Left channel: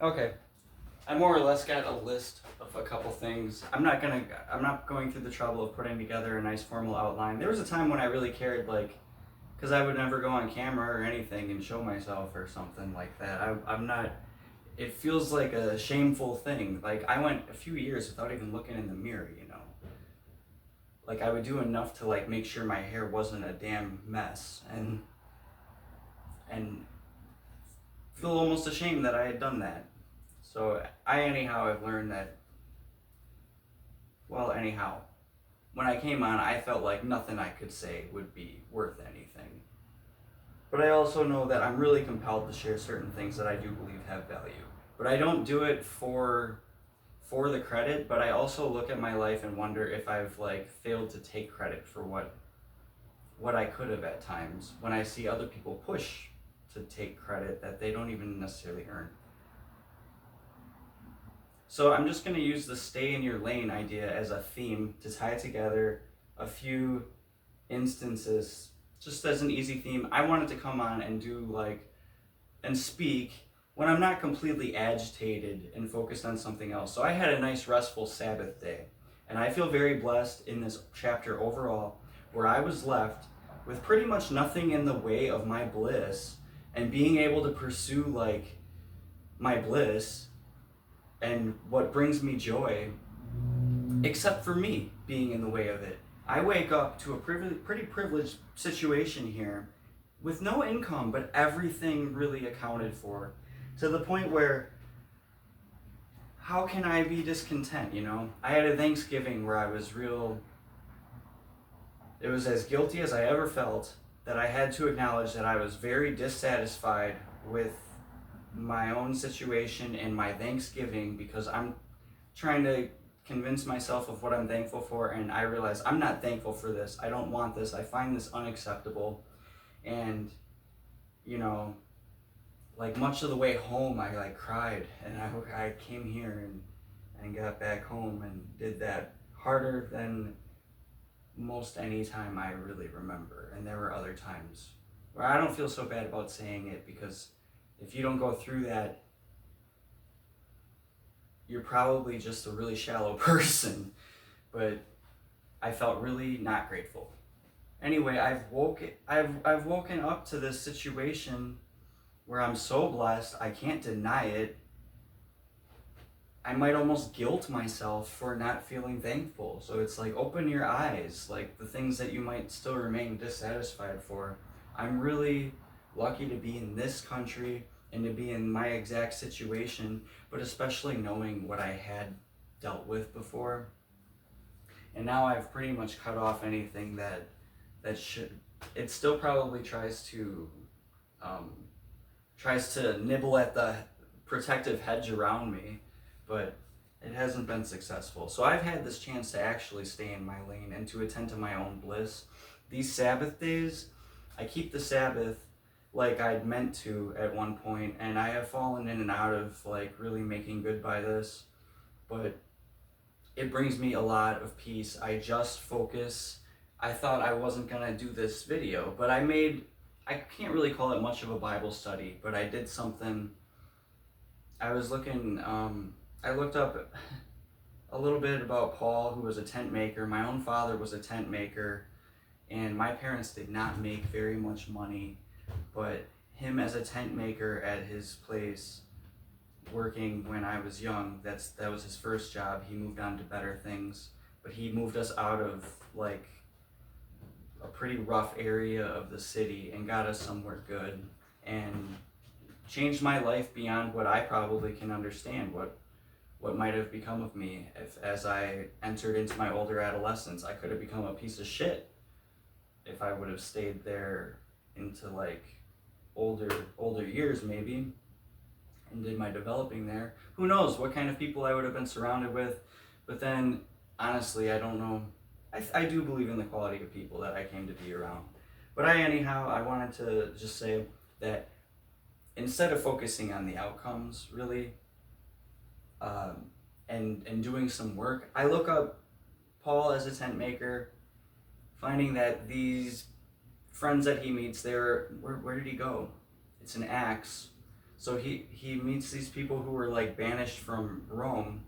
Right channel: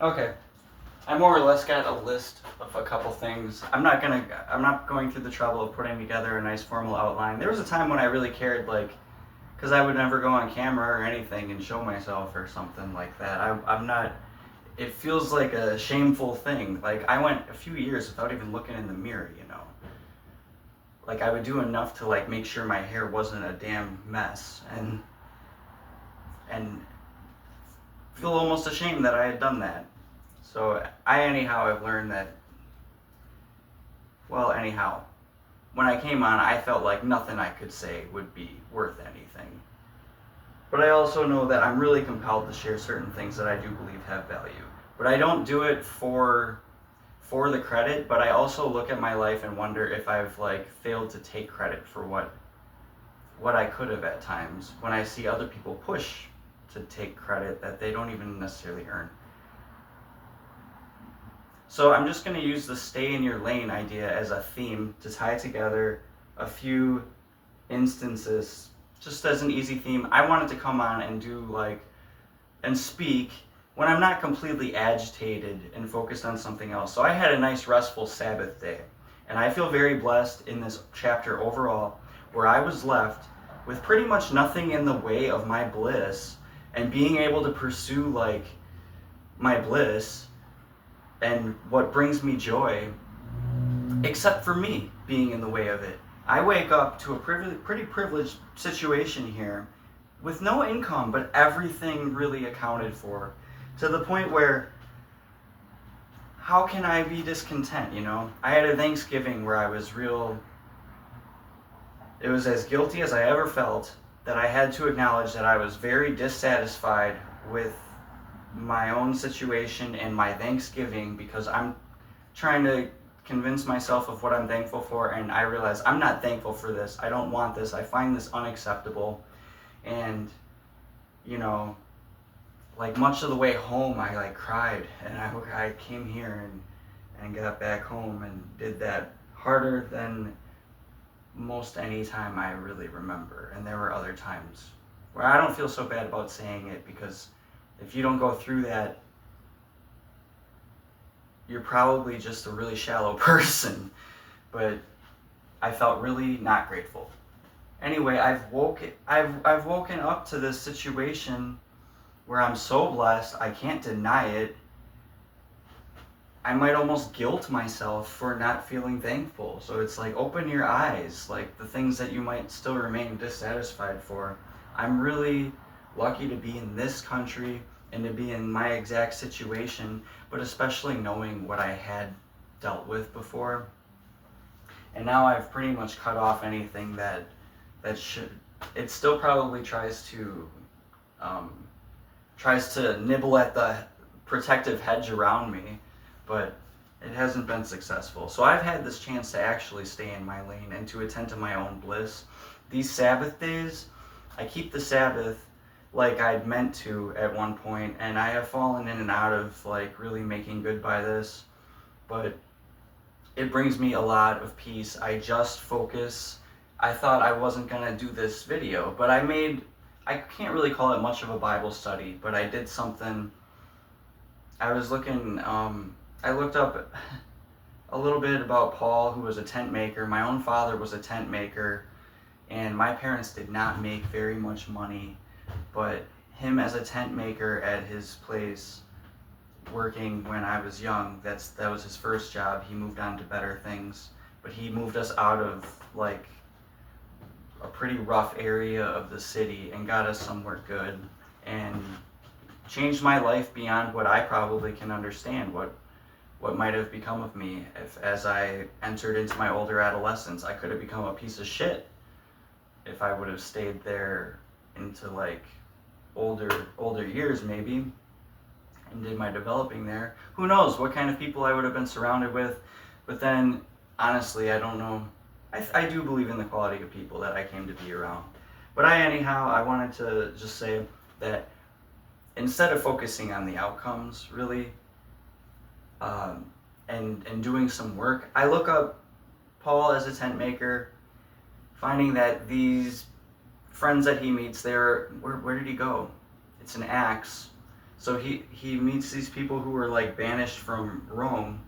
Okay. I more or less got a list of a couple things. I'm not going through the trouble of putting together a nice formal outline. There was a time when I really cared, like, because I would never go on camera or anything and show myself or something like that. I'm not. It feels like a shameful thing. Like, I went a few years without even looking in the mirror, you know. Like, I would do enough to, like, make sure my hair wasn't a damn mess, and feel almost ashamed that I had done that. So I've learned that, well, anyhow, when I came on, I felt like nothing I could say would be worth anything. But I also know that I'm really compelled to share certain things that I do believe have value. But I don't do it for the credit, but I also look at my life and wonder if I've like failed to take credit for what I could have at times when I see other people push to take credit that they don't even necessarily earn. So I'm just going to use the stay in your lane idea as a theme to tie together a few instances just as an easy theme. I wanted to come on and do and speak when I'm not completely agitated and focused on something else. So I had a nice restful Sabbath day, and I feel very blessed in this chapter overall, where I was left with pretty much nothing in the way of my bliss and being able to pursue my bliss and what brings me joy, except for me being in the way of it. I wake up to a pretty privileged situation here with no income, but everything really accounted for, to the point where how can I be discontent, you know? I had a Thanksgiving where it was as guilty as I ever felt, that I had to acknowledge that I was very dissatisfied with my own situation and my Thanksgiving, because I'm trying to convince myself of what I'm thankful for, and I realize I'm not thankful for this. I don't want this. I find this unacceptable. And, you know, like much of the way home, I cried, and I came here and got back home and did that harder than most any time I really remember. And there were other times where I don't feel so bad about saying it, because if you don't go through that, you're probably just a really shallow person. But I felt really not grateful. Anyway, I've woken up to this situation where I'm so blessed, I can't deny it. I might almost guilt myself for not feeling thankful. So it's like, open your eyes, like the things that you might still remain dissatisfied for. I'm really lucky to be in this country and to be in my exact situation, but especially knowing what I had dealt with before. And now I've pretty much cut off anything that should. It still probably tries to nibble at the protective hedge around me, but it hasn't been successful. So I've had this chance to actually stay in my lane and to attend to my own bliss. These Sabbath days, I keep the Sabbath like I'd meant to at one point, and I have fallen in and out of really making good by this, but it brings me a lot of peace. I just focus. I thought I wasn't gonna do this video, but I can't really call it much of a Bible study, but I did something. I was looking, I looked up a little bit about Paul, who was a tent maker. My own father was a tent maker, and my parents did not make very much money, but him as a tent maker at his place, working when I was young, that was his first job. He moved on to better things, but he moved us out of a pretty rough area of the city and got us somewhere good, and changed my life beyond what I probably can understand, what might have become of me if, as I entered into my older adolescence. I could have become a piece of shit if I would have stayed there into older years maybe, and did my developing there. Who knows what kind of people I would have been surrounded with. But then, honestly, I don't know. I do believe in the quality of people that I came to be around. But I wanted to just say that instead of focusing on the outcomes, really, and doing some work, I look up Paul as a tent maker, finding that these friends that he meets there, where did he go? It's an Acts. So he meets these people who were like banished from Rome,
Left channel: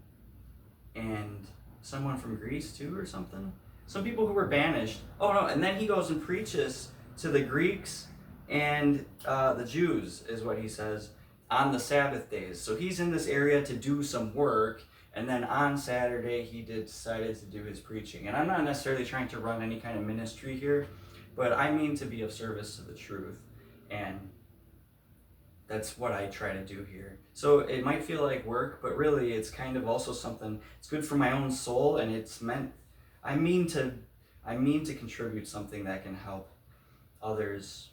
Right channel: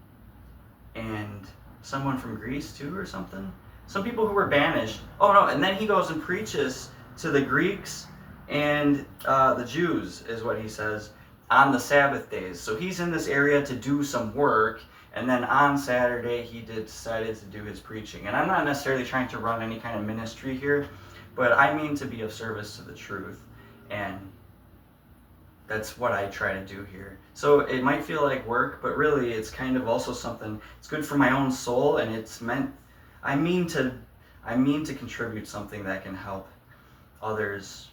and someone from Greece too or something. Some people who were banished. Oh no, and then he goes and preaches to the Greeks and the Jews, is what he says, on the Sabbath days. So he's in this area to do some work, and then on Saturday he decided to do his preaching. And I'm not necessarily trying to run any kind of ministry here, but I mean to be of service to the truth. And that's what I try to do here. So it might feel like work, but really it's kind of also something, it's good for my own soul, and I mean to contribute something that can help others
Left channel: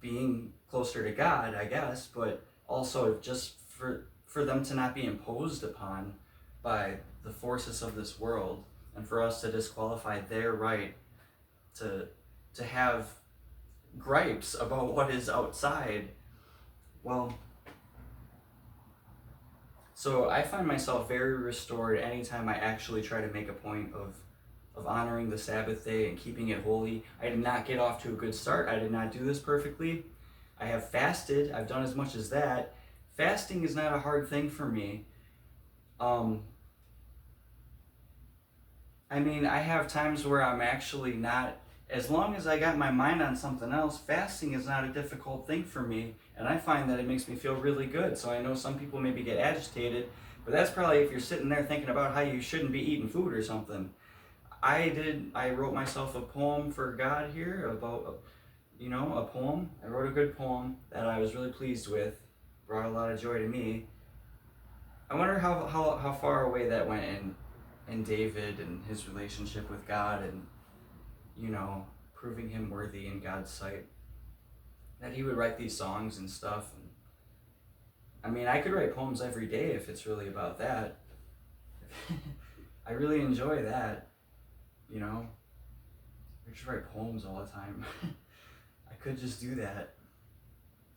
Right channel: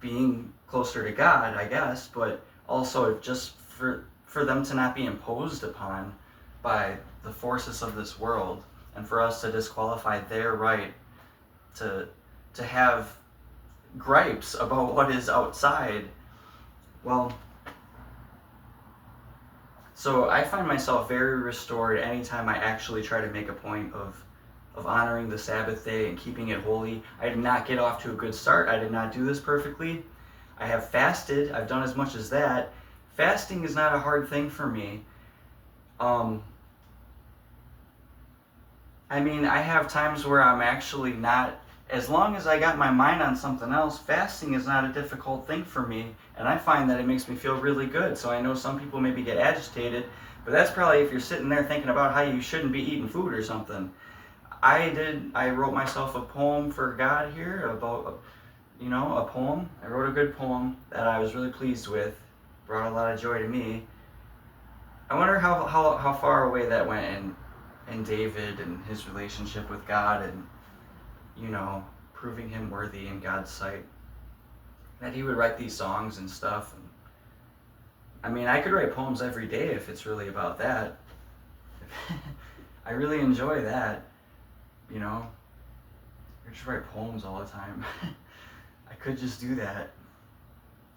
being closer to God, I guess, but also just for them to not be imposed upon by the forces of this world, and for us to disqualify their right to have gripes about what is outside. Well, so I find myself very restored anytime I actually try to make a point of honoring the Sabbath day and keeping it holy. I did not get off to a good start. I did not do this perfectly. I have fasted. I've done as much as that. Fasting is not a hard thing for me. I mean, I have times where I'm actually not, as long as I got my mind on something else, fasting is not a difficult thing for me, and I find that it makes me feel really good. So I know some people maybe get agitated, but that's probably if you're sitting there thinking about how you shouldn't be eating food or something. I wrote myself a poem for God here about, a poem. I wrote a good poem that I was really pleased with, brought a lot of joy to me. I wonder how far away that went in David and his relationship with God, and proving him worthy in God's sight. That he would write these songs and stuff. And I mean, I could write poems every day if it's really about that. I really enjoy that, I just write poems all the time. I could just do that.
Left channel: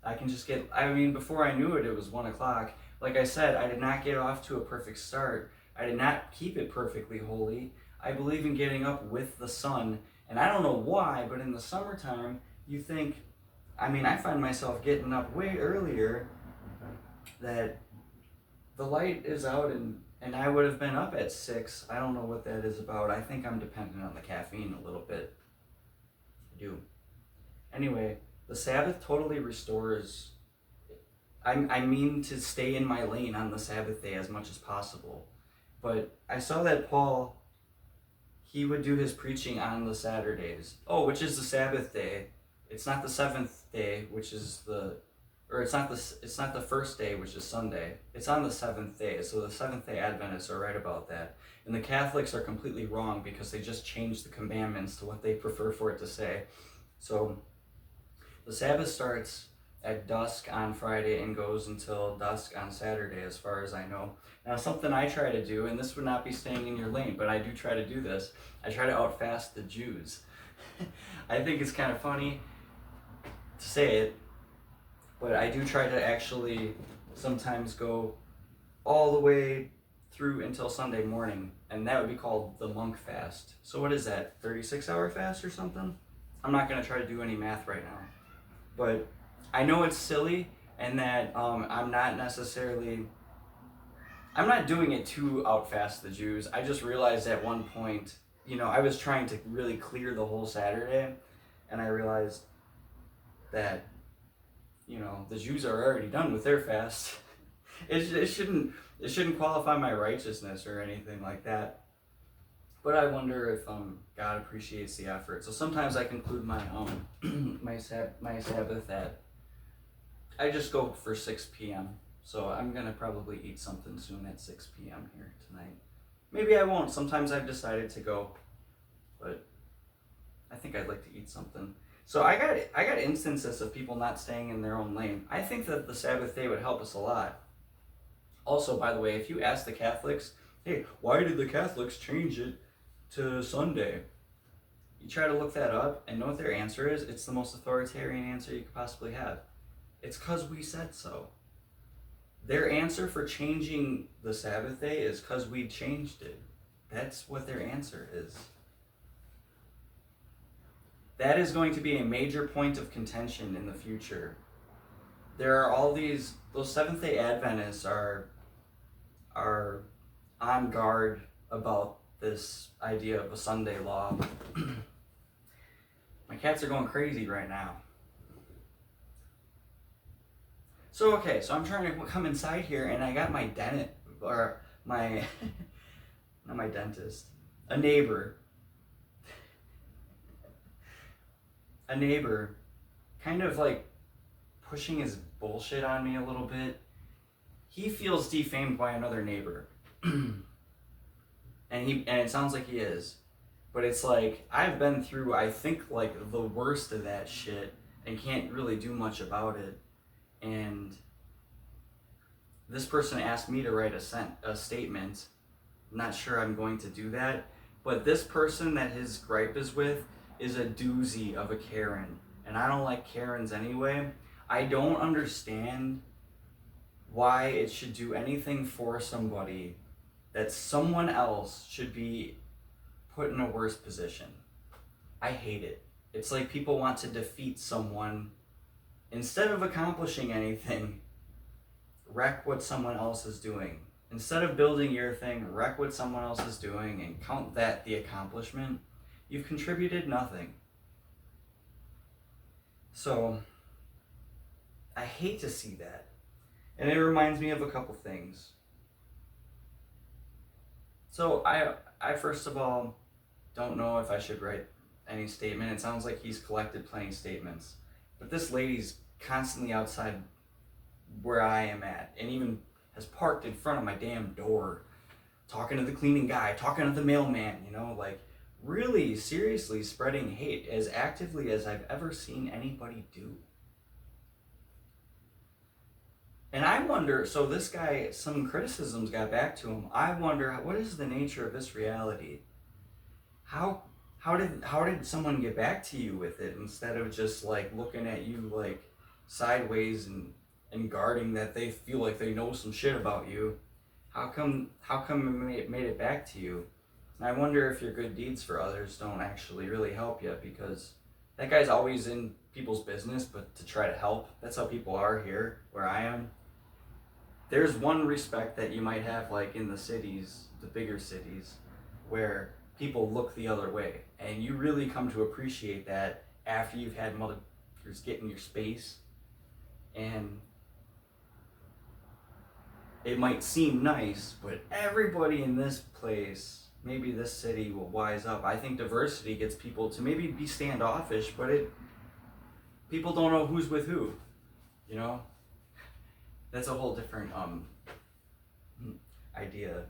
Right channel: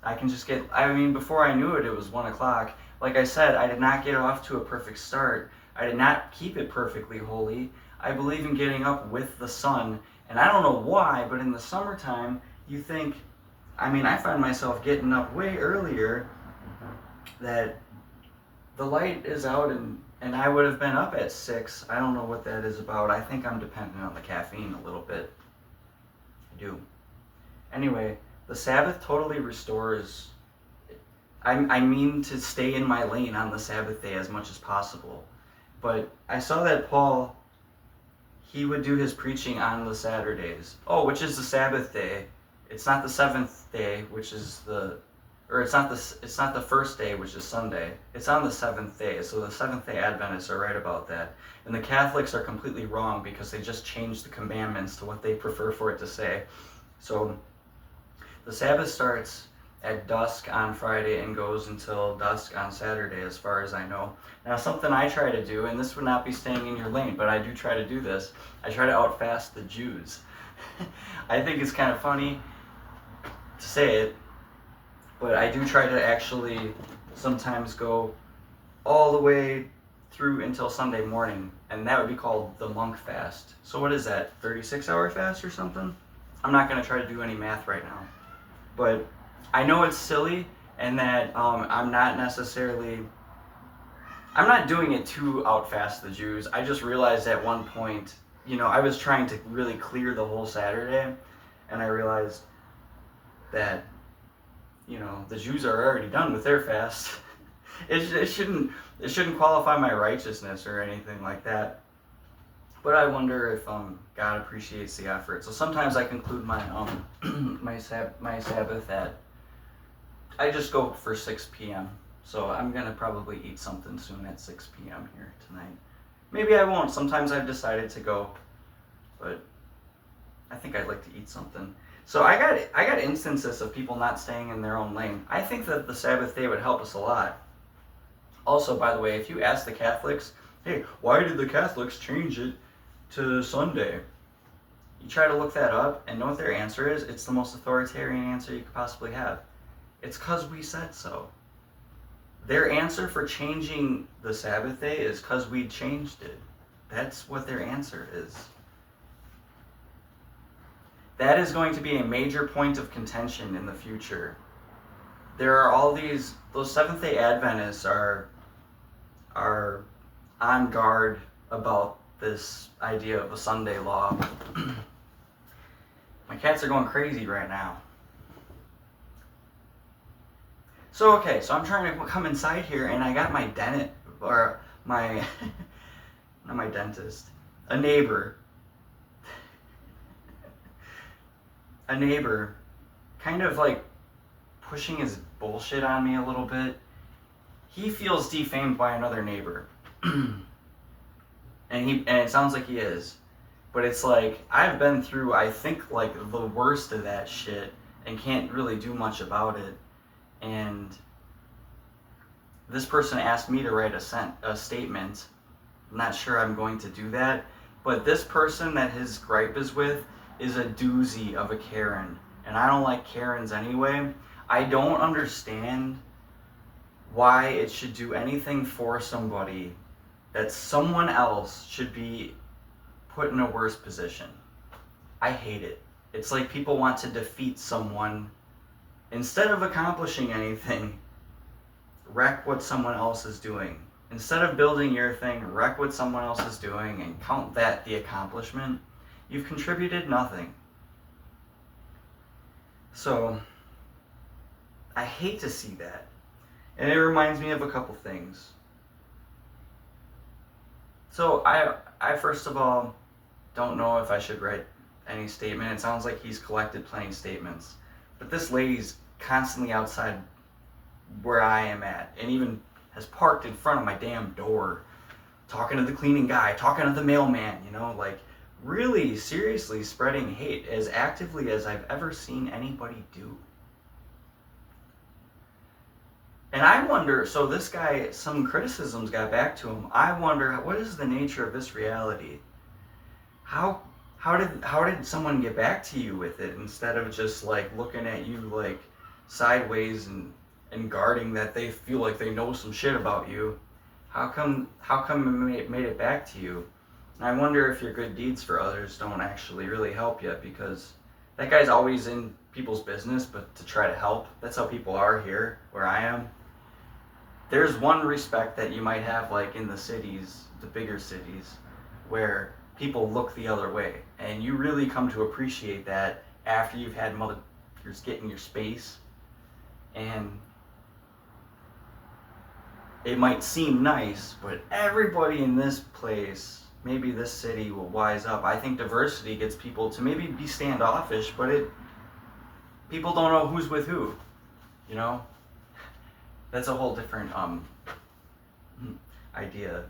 I can just before I knew it, it was 1 o'clock. Like I said, I did not get off to a perfect start. I did not keep it perfectly holy. I believe in getting up with the sun. And I don't know why, but in the summertime, you think, I find myself getting up way earlier, that the light is out, and I would have been up at 6. I don't know what that is about. I think I'm dependent on the caffeine a little bit. I do. Anyway, the Sabbath totally restores. I mean to stay in my lane on the Sabbath day as much as possible. But I saw that Paul, he would do his preaching on the Saturdays. Oh, which is the Sabbath day. It's not the 7th day, which is it's not the first day, which is Sunday. It's on the 7th day. So the Seventh-day Adventists are right about that. And the Catholics are completely wrong because they just changed the commandments to what they prefer for it to say. So the Sabbath starts at dusk on Friday and goes until dusk on Saturday, as far as I know. Now, something I try to do, and this would not be staying in your lane, but I do try to do this, I try to outfast the Jews. I think it's kind of funny to say it, but I do try to actually sometimes go all the way through until Sunday morning, and that would be called the monk fast. So what is that, 36-hour fast or something? I'm not going to try to do any math right now, but I know it's silly, and that I'm not doing it to outfast the Jews. I just realized at one point, I was trying to really clear the whole Saturday, and I realized that, the Jews are already done with their fast. It shouldn't qualify my righteousness or anything like that. But I wonder if God appreciates the effort. So sometimes I conclude my my Sabbath at, I just go for 6 p.m. So I'm gonna probably eat something soon at 6 p.m. here tonight. Maybe I won't. Sometimes I've decided to go, but I think I'd like to eat something. So I got instances of people not staying in their own lane. I think that the Sabbath day would help us a lot. Also, by the way, if you ask the Catholics, hey, why did the Catholics change it to Sunday? You try to look that up and know what their answer is. It's the most authoritarian answer you could possibly have. It's because we said so. Their answer for changing the Sabbath day is because we changed it. That's what their answer is. That is going to be a major point of contention in the future. there are all those Seventh-day Adventists are on guard about this idea of a Sunday law. My cats are going crazy right now. So okay, so I'm trying to come inside here, and I got my dentist, or my, not my dentist, a neighbor, kind of like pushing his bullshit on me a little bit. He feels defamed by another neighbor. and it sounds like he is. But it's like, I've been through, I think, like the worst of that shit and can't really do much about it. And this person asked me to write a statement. I'm not sure I'm going to do that. But this person that his gripe is with is a doozy of a Karen. And I don't like Karens anyway. I don't understand why it should do anything for somebody that someone else should be put in a worse position. I hate it. It's like people want to defeat someone instead of accomplishing anything. Wreck what someone else is doing. Instead of building your thing, wreck what someone else is doing and count that the accomplishment. You've contributed nothing. So, I hate to see that. And it reminds me of a couple things. So, I first of all don't know if I should write any statement. It sounds like he's collected plenty of statements. But this lady's constantly outside where I am at, and even has parked in front of my damn door, talking to the cleaning guy, talking to the mailman, like really seriously spreading hate as actively as I've ever seen anybody do. And I wonder, so this guy, some criticisms got back to him. I wonder, what is the nature of this reality? How did someone get back to you with it instead of just like looking at you like sideways and guarding that they feel like they know some shit about you? How come it made it back to you? And I wonder if your good deeds for others don't actually really help you, because that guy's always in people's business, but to try to help. That's how people are here where I am. There's one respect that you might have like in the cities, the bigger cities, where people look the other way, and you really come to appreciate that after you've had motherfuckers get in your space. And it might seem nice, but everybody in this place, maybe this city, will wise up. I think diversity gets people to maybe be standoffish, but people don't know who's with who, That's a whole different idea.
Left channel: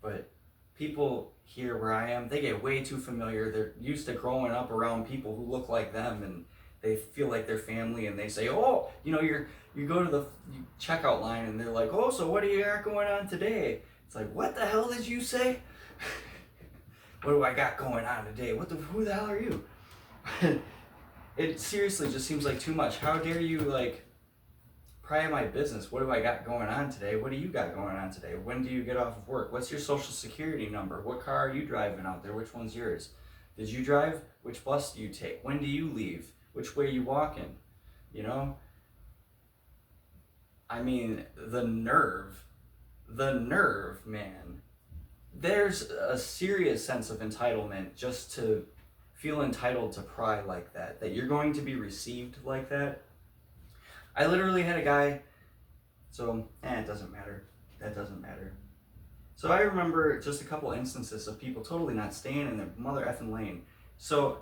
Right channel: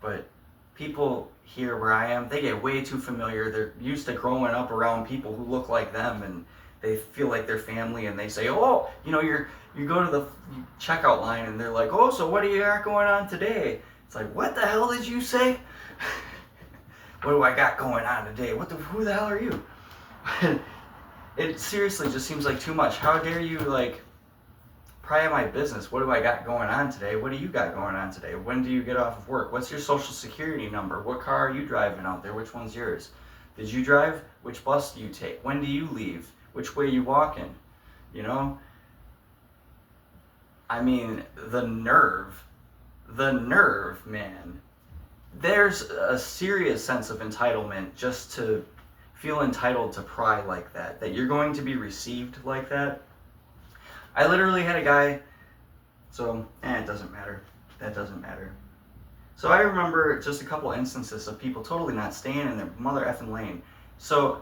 But people here where I am, they get way too familiar. They're used to growing up around people who look like them, and they feel like they're family, and they say, oh, you go to the checkout line, and they're like, oh, so what do you got going on today? It's like, what the hell did you say? What do I got going on today? Who the hell are you? It seriously just seems like too much. How dare you pry on my business? What do I got going on today? What do you got going on today? When do you get off of work? What's your social security number? What car are you driving out there? Which one's yours? Did you drive? Which bus do you take? When do you leave? Which way are you walking? I mean, the nerve, man. There's a serious sense of entitlement just to feel entitled to pry like that you're going to be received like that. I literally had a guy, so, it doesn't matter. That doesn't matter. So I remember just a couple instances of people totally not staying in their mother effing lane. So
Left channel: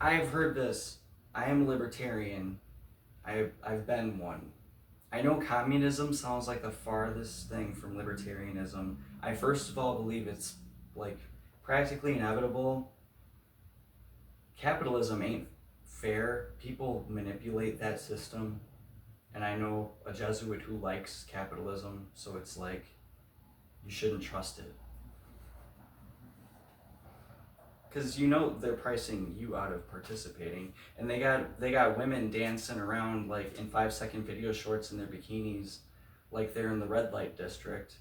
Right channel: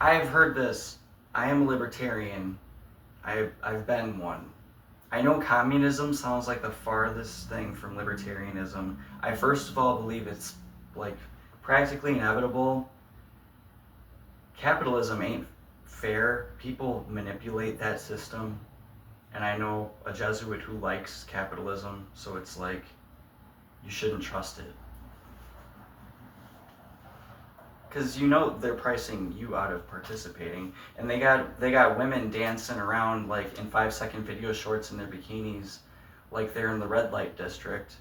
I've heard this. I am a libertarian. I've been one. I know communism sounds like the farthest thing from libertarianism. I first of all believe it's like practically inevitable. Capitalism ain't fair. People manipulate that system. And I know a Jesuit who likes capitalism, so it's like, you shouldn't trust it. Because they're pricing you out of participating. And they got women dancing around like in 5-second video shorts in their bikinis, like they're in the red light district.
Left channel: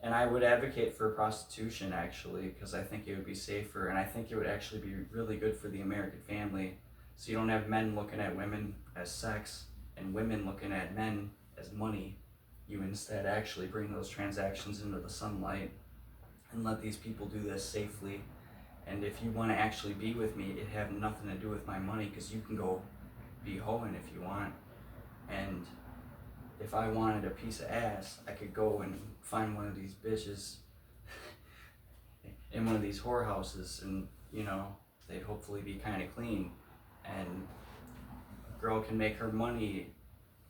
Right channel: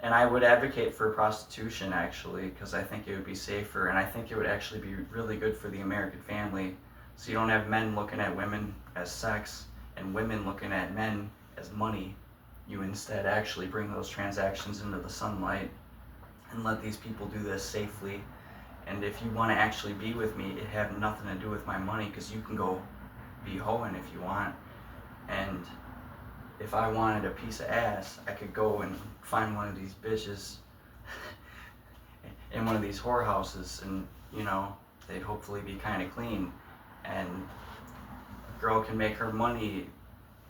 And I would advocate for prostitution, actually, because I think it would be safer, and I think it would actually be really good for the American family. So you don't have men looking at women as sex. and women looking at men as money, you instead actually bring those transactions into the sunlight and let these people do this safely. And if you want to actually be with me, it have nothing to do with my money, because you can go be hoeing if you want. And if I wanted a piece of ass, I could go and find one of these bitches in one of these whorehouses, and they'd hopefully be kind of clean, and a girl can make her money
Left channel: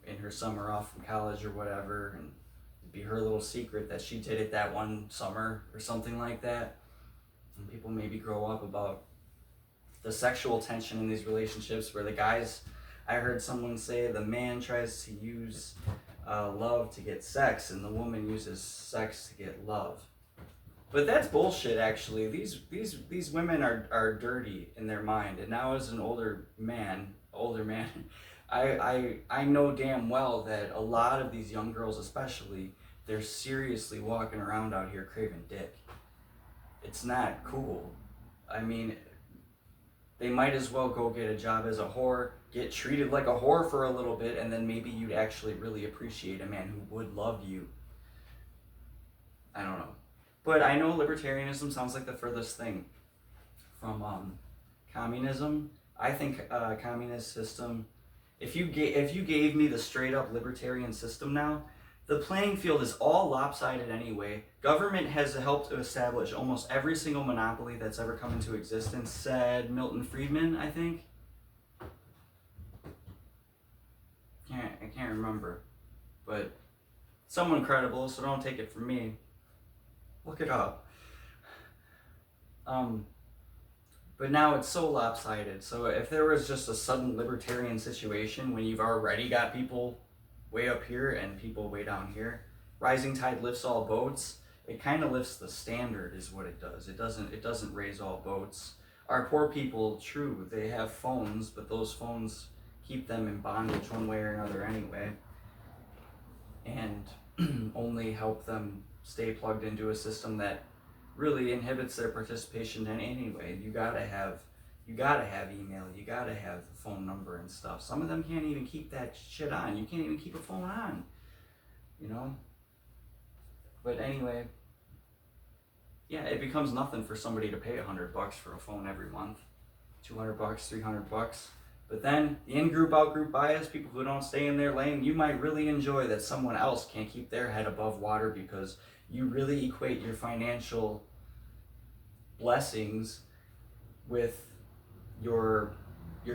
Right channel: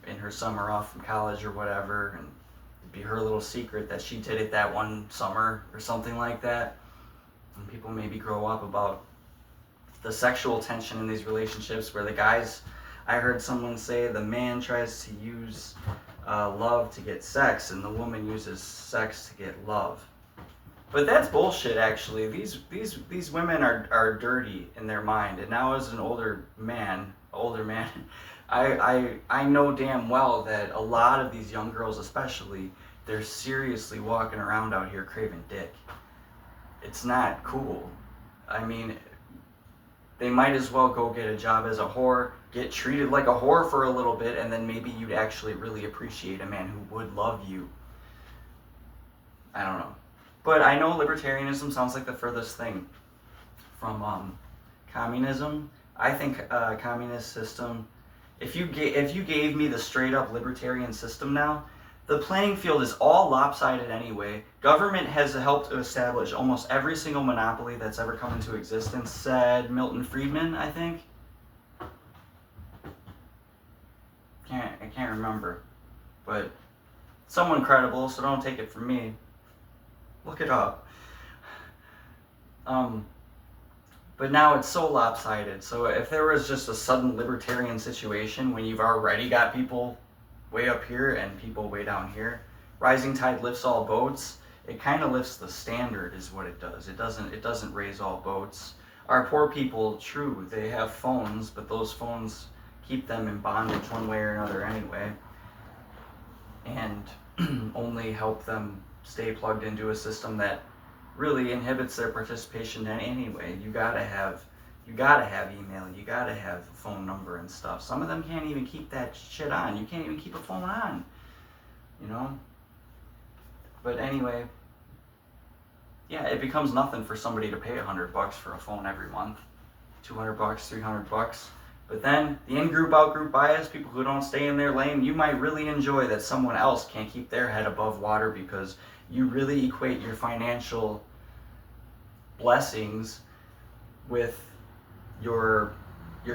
in her summer off from college or whatever, and it'd be her little secret that she did it that one summer or something like that. And people maybe grow up about the sexual tension in these relationships, where the guys, I heard someone say, the man tries to use love to get sex, and the woman uses sex to get love. But that's bullshit, actually. These women are dirty in their mind. And now, as an older man, I know damn well that a lot of these young girls, especially, they're seriously walking around out here craving dick. It's not cool. I mean, they might as well go get a job as a whore, get treated like a whore for a little bit, and then maybe you'd actually really appreciate a man who would love you. I don't know. But I know libertarianism sounds like the furthest thing from communism. I think communist system, if you gave me the straight up libertarian system now, the playing field is all lopsided anyway. Government has helped to establish almost every single monopoly that's ever come into existence, said Milton Friedman, I think. I can't remember. But someone credible, so don't take it from me. Look it up. But now it's so lopsided. So if there was just a sudden libertarian situation when you've already got people way up here and people way down here, rising tide lifts all boats. It kind of lifts the standard, is what it does. It doesn't raise all boats. Our poor people, true, they have phones, but those phones keep them in bondage one way or another anyway, and only help them stay plugged into a system that really inhibits their participation in anyway. You gotta have email, you gotta have a phone number and stuff. Some of them can't even keep that shit on. You can't even keep a phone on, But anyway, yeah, it becomes nothing for somebody to pay $100 for a phone every month, $200, $300. But then the in-group, out-group bias, people who don't stay in their lane, you might really enjoy that someone else can't keep their head above water, because you really equate your financial blessings with your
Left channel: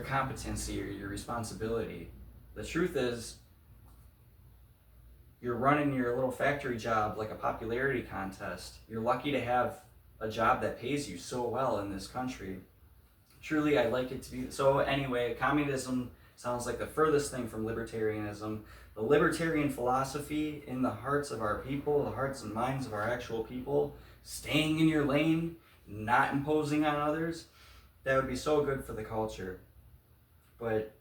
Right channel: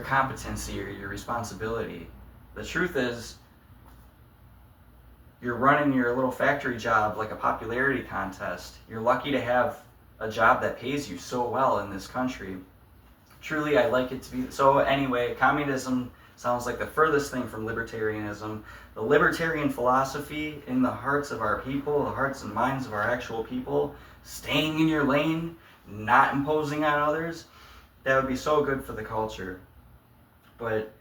competency or your responsibility. The truth is, you're running your little factory job like a popularity contest. You're lucky to have a job that pays you so well in this country. Truly, I'd like it to be. So anyway, communism sounds like the furthest thing from libertarianism. The libertarian philosophy in the hearts of our people, the hearts and minds of our actual people, staying in your lane, not imposing on others, that would be so good for the culture. But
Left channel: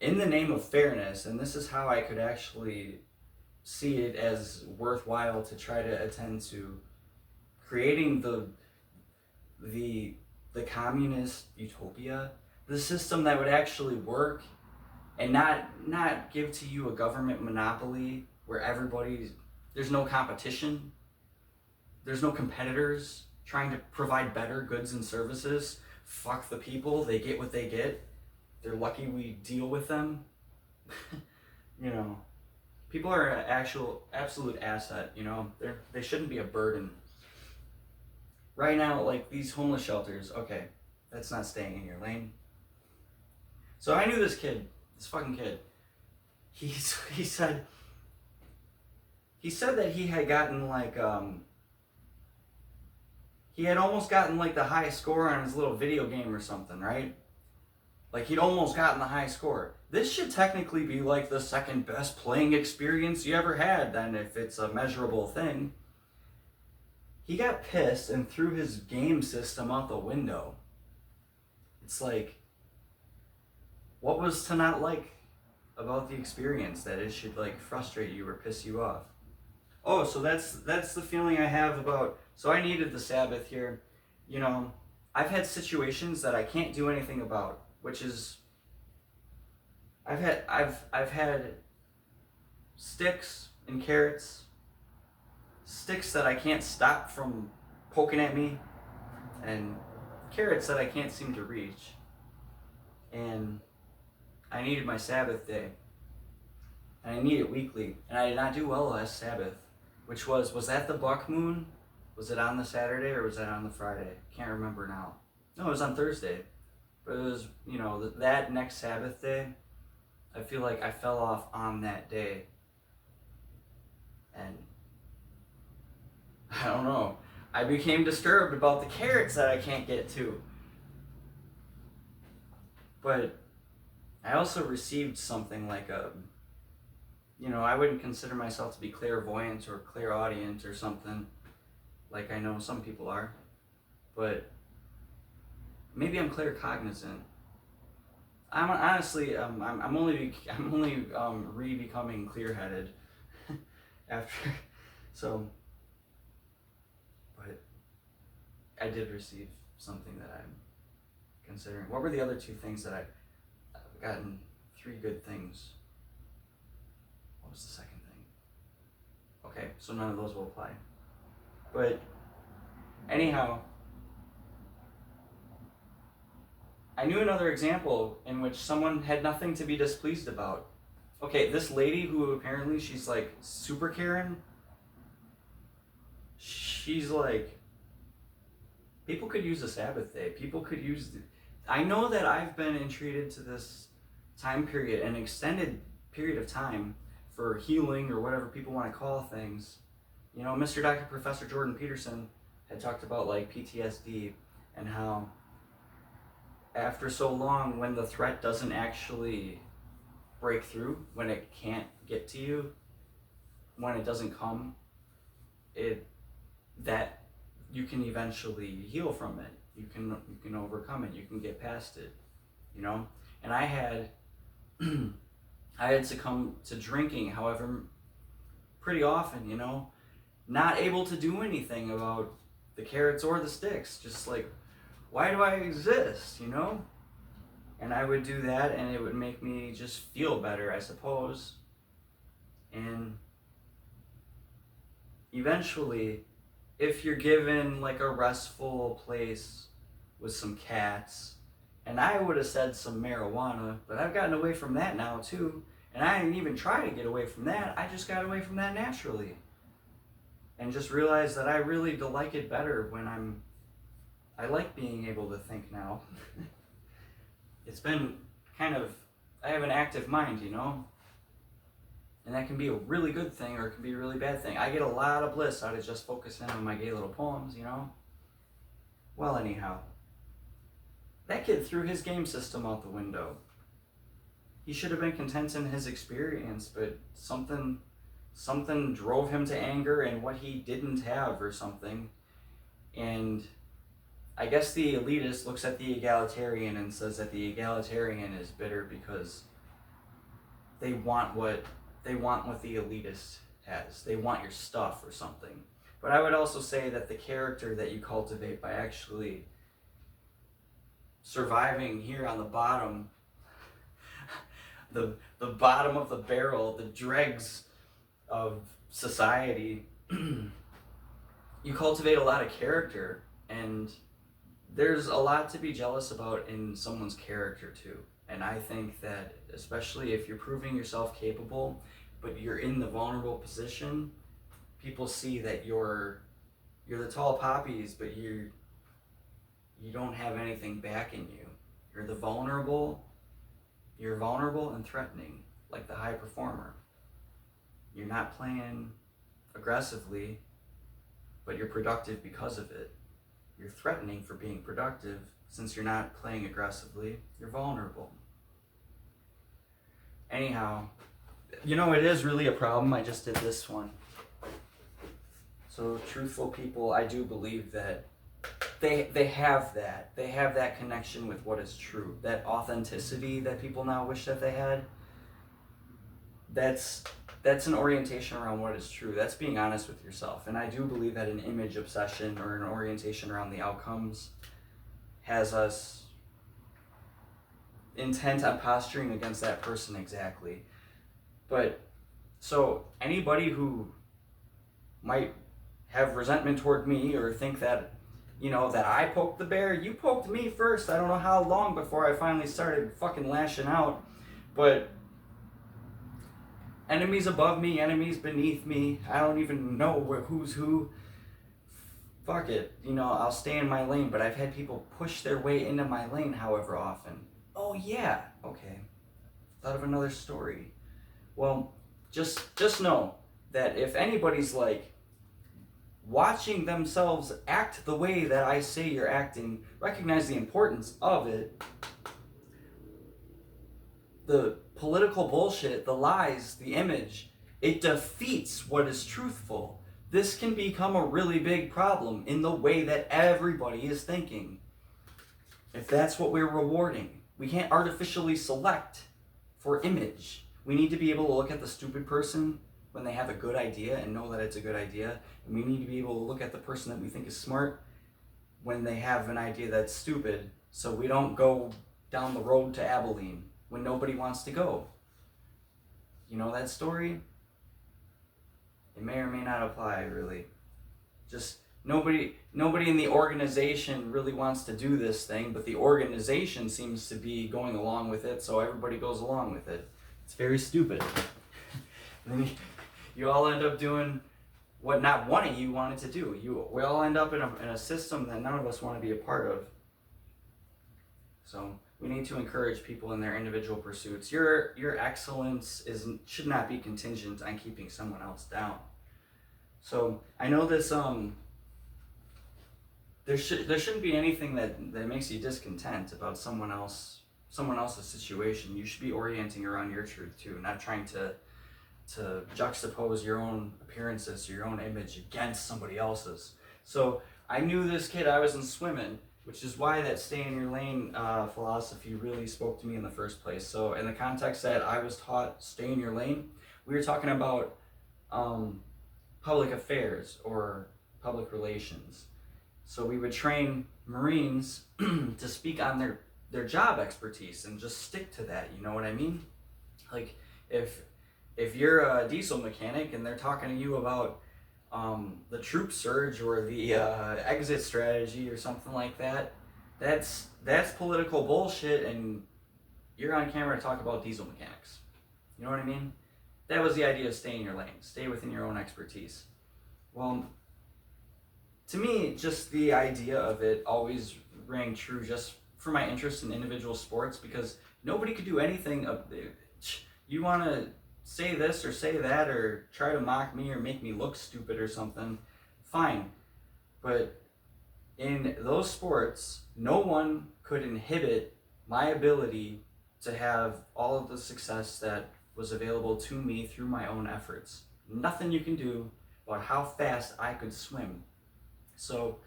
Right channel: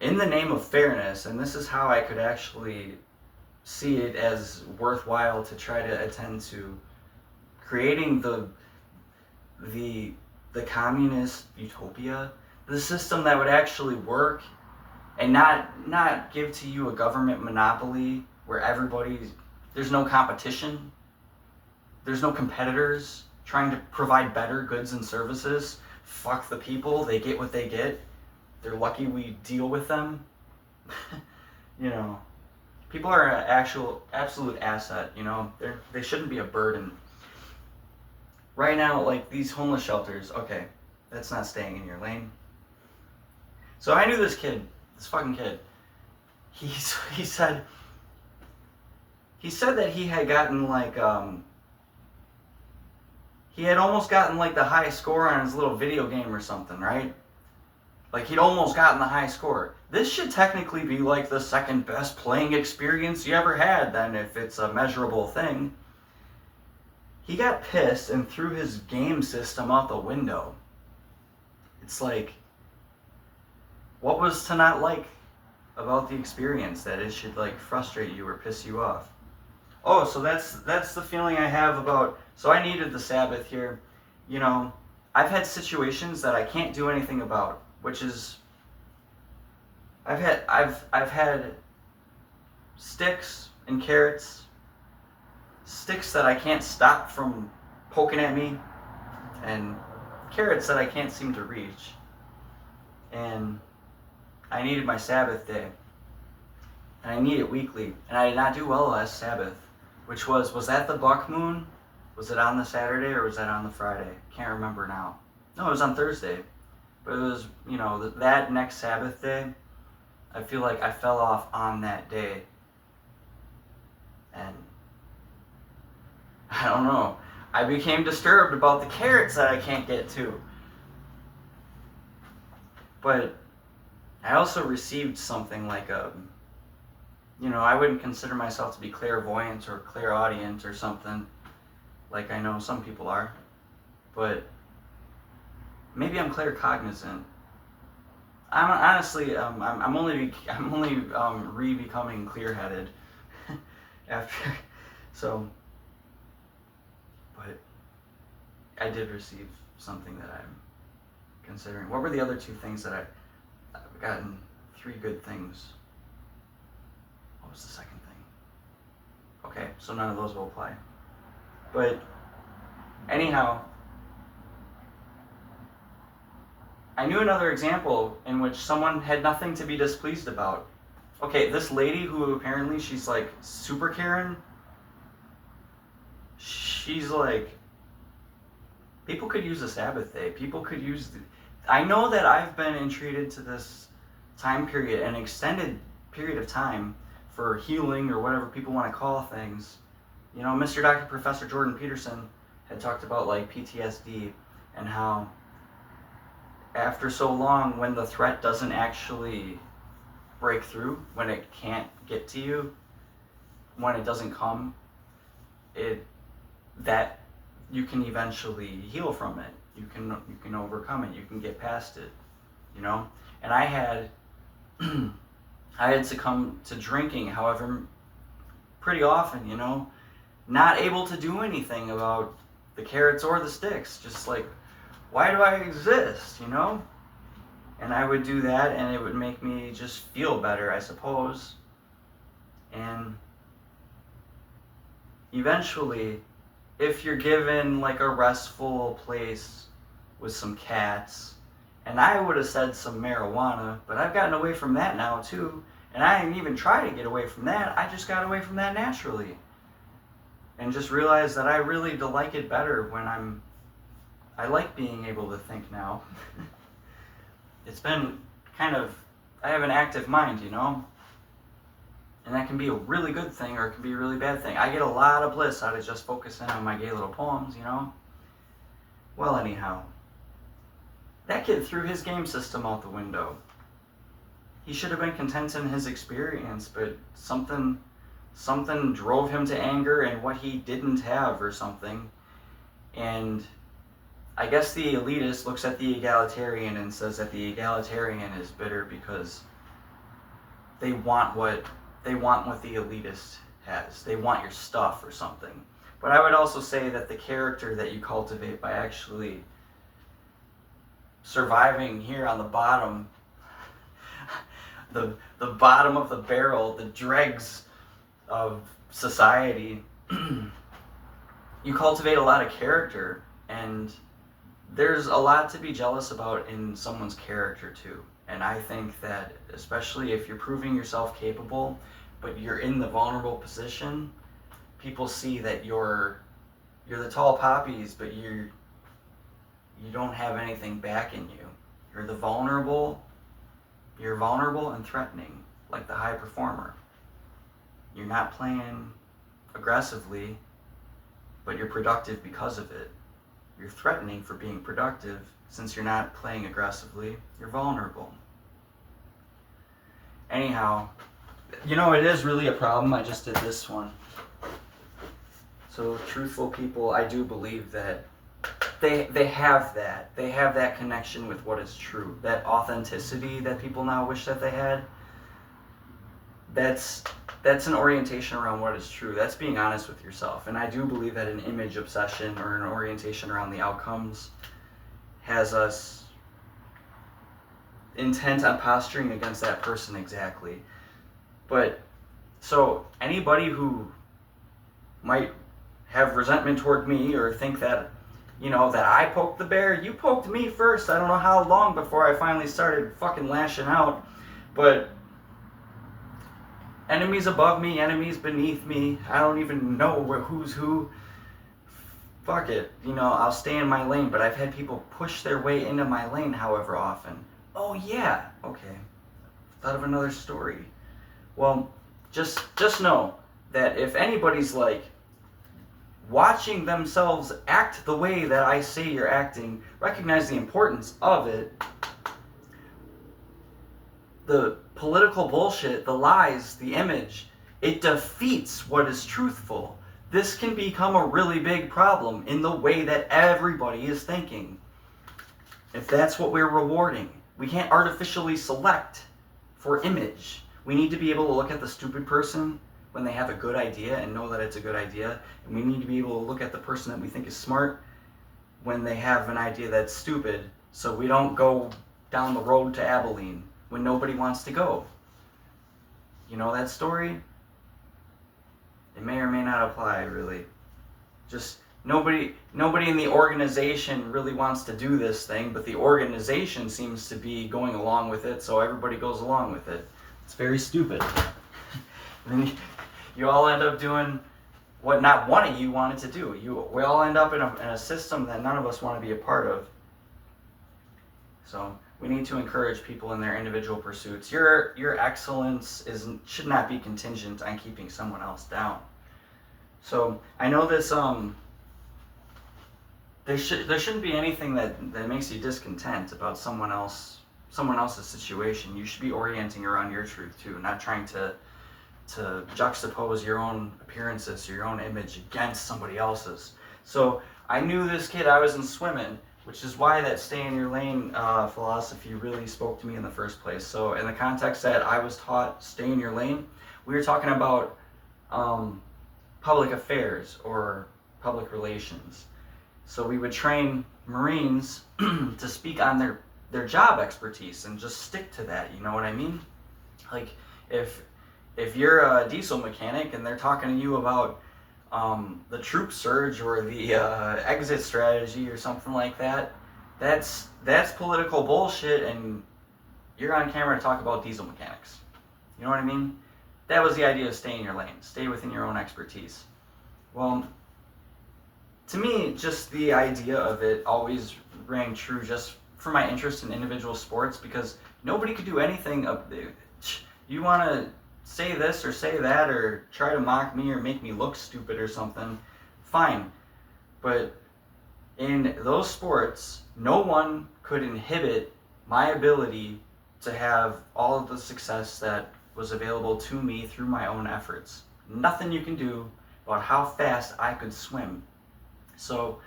in the name of fairness, and this is how I could actually see it as worthwhile to try to attend to creating the communist utopia, the system that would actually work and not give to you a government monopoly where there's no competition, there's no competitors trying to provide better goods and services. Fuck the people, they get what they get. They're lucky we deal with them. People are an absolute asset, they shouldn't be a burden. Right now, like these homeless shelters, okay, that's not staying in your lane. So I knew this fucking kid. He said that he had gotten he had almost gotten like the high score on his little video game or something, right? Like he'd almost gotten the high score. This should technically be like the second best playing experience you ever had then, if it's a measurable thing. He got pissed and threw his game system out the window. It's like, what was to not like about the experience that it should like frustrate you or piss you off? Oh, so that's the feeling I have about, so I needed the Sabbath here. I've had situations that I can't do anything about, which is I've had sticks and carrots, sticks that I can't stop from poking at me, and carrots that I can't seem to reach. And I needed my Sabbath day, and I need it weekly, and I did not do well last Sabbath, which was that the buck moon? Was it on the Saturday or was that on the Friday? Can't remember now. No, it was on Thursday, but it was, that next Sabbath day, I feel like I fell off on that day, and I don't know, I became disturbed about the carrots that I can't get to. But I also received something like I wouldn't consider myself to be clairvoyant or clairaudient or something, like I know some people are, but maybe I'm claircognizant. I'm honestly, I'm only re-becoming clear-headed after, so, but I did receive something that I'm considering. What were the other two things that I've gotten? 3 good things. What was the second thing? Okay, so none of those will apply. But anyhow, I knew another example in which someone had nothing to be displeased about. Okay, this lady who apparently she's like super Karen, she's like, people could use a Sabbath day. People could use I know that I've been entreated to this time period, an extended period of time for healing or whatever people want to call things. Mr. Dr. Professor Jordan Peterson had talked about like PTSD and how after so long, when the threat doesn't actually break through, when it can't get to you, when it doesn't come, that you can eventually heal from it. You can overcome it. You can get past it. And I had succumbed to drinking, however, pretty often. Not able to do anything about the carrots or the sticks. Just like, why do I exist, And I would do that, and it would make me just feel better, I suppose. And eventually, if you're given like a restful place with some cats, and I would have said some marijuana, but I've gotten away from that now too, and I didn't even try to get away from that. I just got away from that naturally. And just realized that I really like it better when I like being able to think now. It's been I have an active mind, And that can be a really good thing or it can be a really bad thing. I get a lot of bliss out of just focusing on my gay little poems, Well, anyhow, that kid threw his game system out the window. He should have been content in his experience, but something drove him to anger and what he didn't have or something. And I guess the elitist looks at the egalitarian and says that the egalitarian is bitter because they want what the elitist has. They want your stuff or something. But I would also say that the character that you cultivate by actually surviving here on the bottom, the bottom of the barrel, the dregs of society, you cultivate a lot of character, and there's a lot to be jealous about in someone's character too. And I think that especially if you're proving yourself capable, but you're in the vulnerable position, people see that you're the tall poppies, but you don't have anything backing you. You're vulnerable and threatening, like the high performer. You're not playing aggressively, but you're productive because of it. You're threatening for being productive. Since you're not playing aggressively, you're vulnerable. Anyhow, it is really a problem. I just did this one. So truthful people, I do believe that they have that. They have that connection with what is true. That authenticity that people now wish that they had. That's an orientation around what is true. That's being honest with yourself. And I do believe that an image obsession or an orientation around the outcomes has us intent on posturing against that person exactly. But so anybody who might have resentment toward me or think that, that I poked the bear, you poked me first. I don't know how long before I finally started fucking lashing out. But enemies above me, enemies beneath me, I don't even know who's who. Fuck it. I'll stay in my lane, but I've had people push their way into my lane however often. Oh yeah, okay. Thought of another story. Well, just know that if anybody's like watching themselves act the way that I say you're acting, recognize the importance of it. The political bullshit, the lies, the image, it defeats what is truthful. This can become a really big problem in the way that everybody is thinking. If that's what we're rewarding, we can't artificially select for image. We need to be able to look at the stupid person when they have a good idea and know that it's a good idea. And we need to be able to look at the person that we think is smart when they have an idea that's stupid, so we don't go down the road to Abilene when nobody wants to go. You know that story? It may or may not apply, really. Just nobody in the organization really wants to do this thing, but the organization seems to be going along with it, so everybody goes along with it. It's very stupid. And then you all end up doing what not one of you wanted to do. We all end up in a system that none of us want to be a part of. So we need to encourage people in their individual pursuits. Your excellence should not be contingent on keeping someone else down. So I know this there shouldn't be anything that makes you discontent about someone else's situation. You should be orienting around your truth too, not trying to juxtapose your own appearances or your own image against somebody else's. So I knew this kid, I was in swimming, which is why that stay in your lane philosophy really spoke to me in the first place. So in the context that I was taught stay in your lane, we were talking about public affairs or public relations. So we would train Marines to speak on their job expertise and just stick to that, you know what I mean? Like if you're a diesel mechanic and they're talking to you about the troop surge or the exit strategy or something like that, that's political bullshit, and you're on camera to talk about diesel mechanics. You know what I mean? That was the idea of stay in your lane. Stay within your own expertise. Well, to me, just the idea of it always rang true just for my interest in individual sports, because nobody could do anything up there. You want to say this or say that or try to mock me or make me look stupid or something, fine. But in those sports, no one could inhibit my ability to have all of the success that was available to me through my own efforts. Nothing you can do about how fast I could swim. So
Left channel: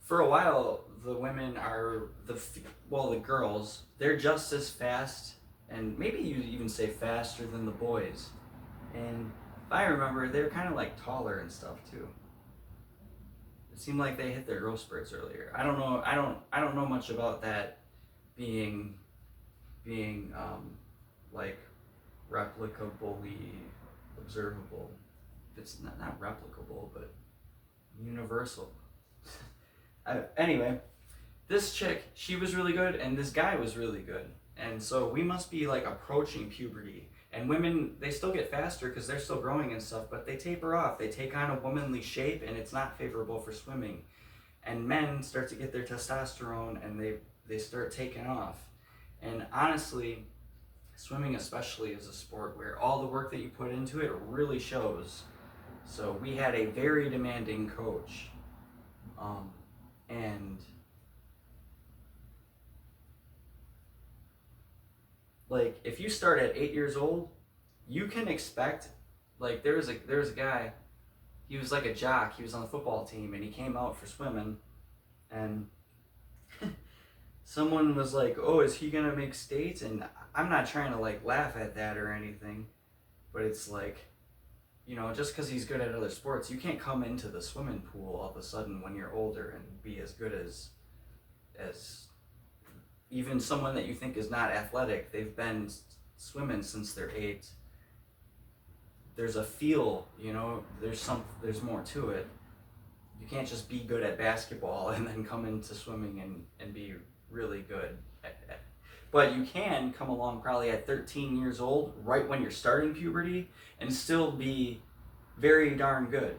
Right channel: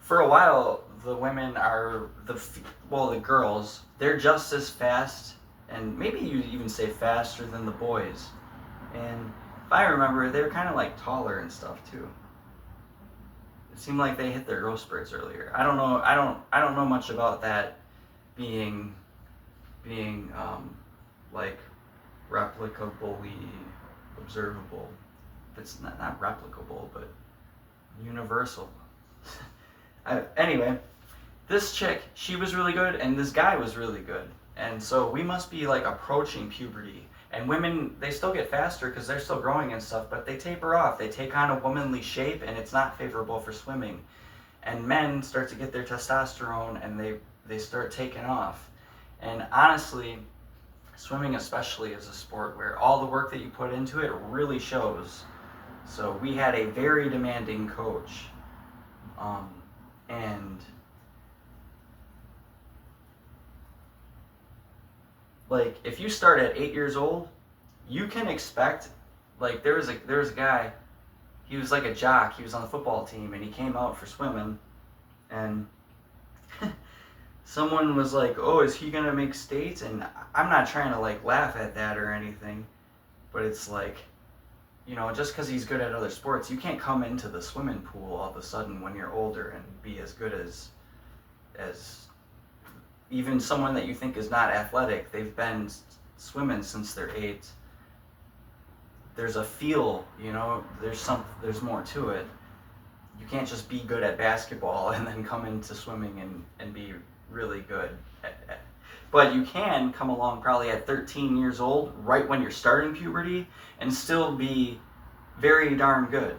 for a while, the women are the girls, they're just as fast, and maybe you even say faster than the boys. And if I remember, they're kind of like taller and stuff too. It seemed like they hit their growth spurts earlier. I don't know. I don't know much about that being like replicably observable. It's not replicable, but universal. Anyway, this chick, she was really good, and this guy was really good. And so we must be like approaching puberty. And women, they still get faster because they're still growing and stuff, but they taper off. They take on a womanly shape, and it's not favorable for swimming. And men start to get their testosterone, and they start taking off. And honestly, swimming especially is a sport where all the work that you put into it really shows. So we had a very demanding coach. And like if you start at 8 years old, you can expect, like there was a guy, he was like a jock, he was on the football team, and he came out for swimming, and someone was like, oh, is he gonna make states? And I'm not trying to like laugh at that or anything, but it's like, just because he's good at other sports, you can't come into the swimming pool all of a sudden when you're older and be as good as even someone that you think is not athletic, they've been swimming since they're 8. There's a feel, you know, there's more to it. You can't just be good at basketball and then come into swimming and be really good. But you can come along probably at 13 years old, right when you're starting puberty, and still be very darn good.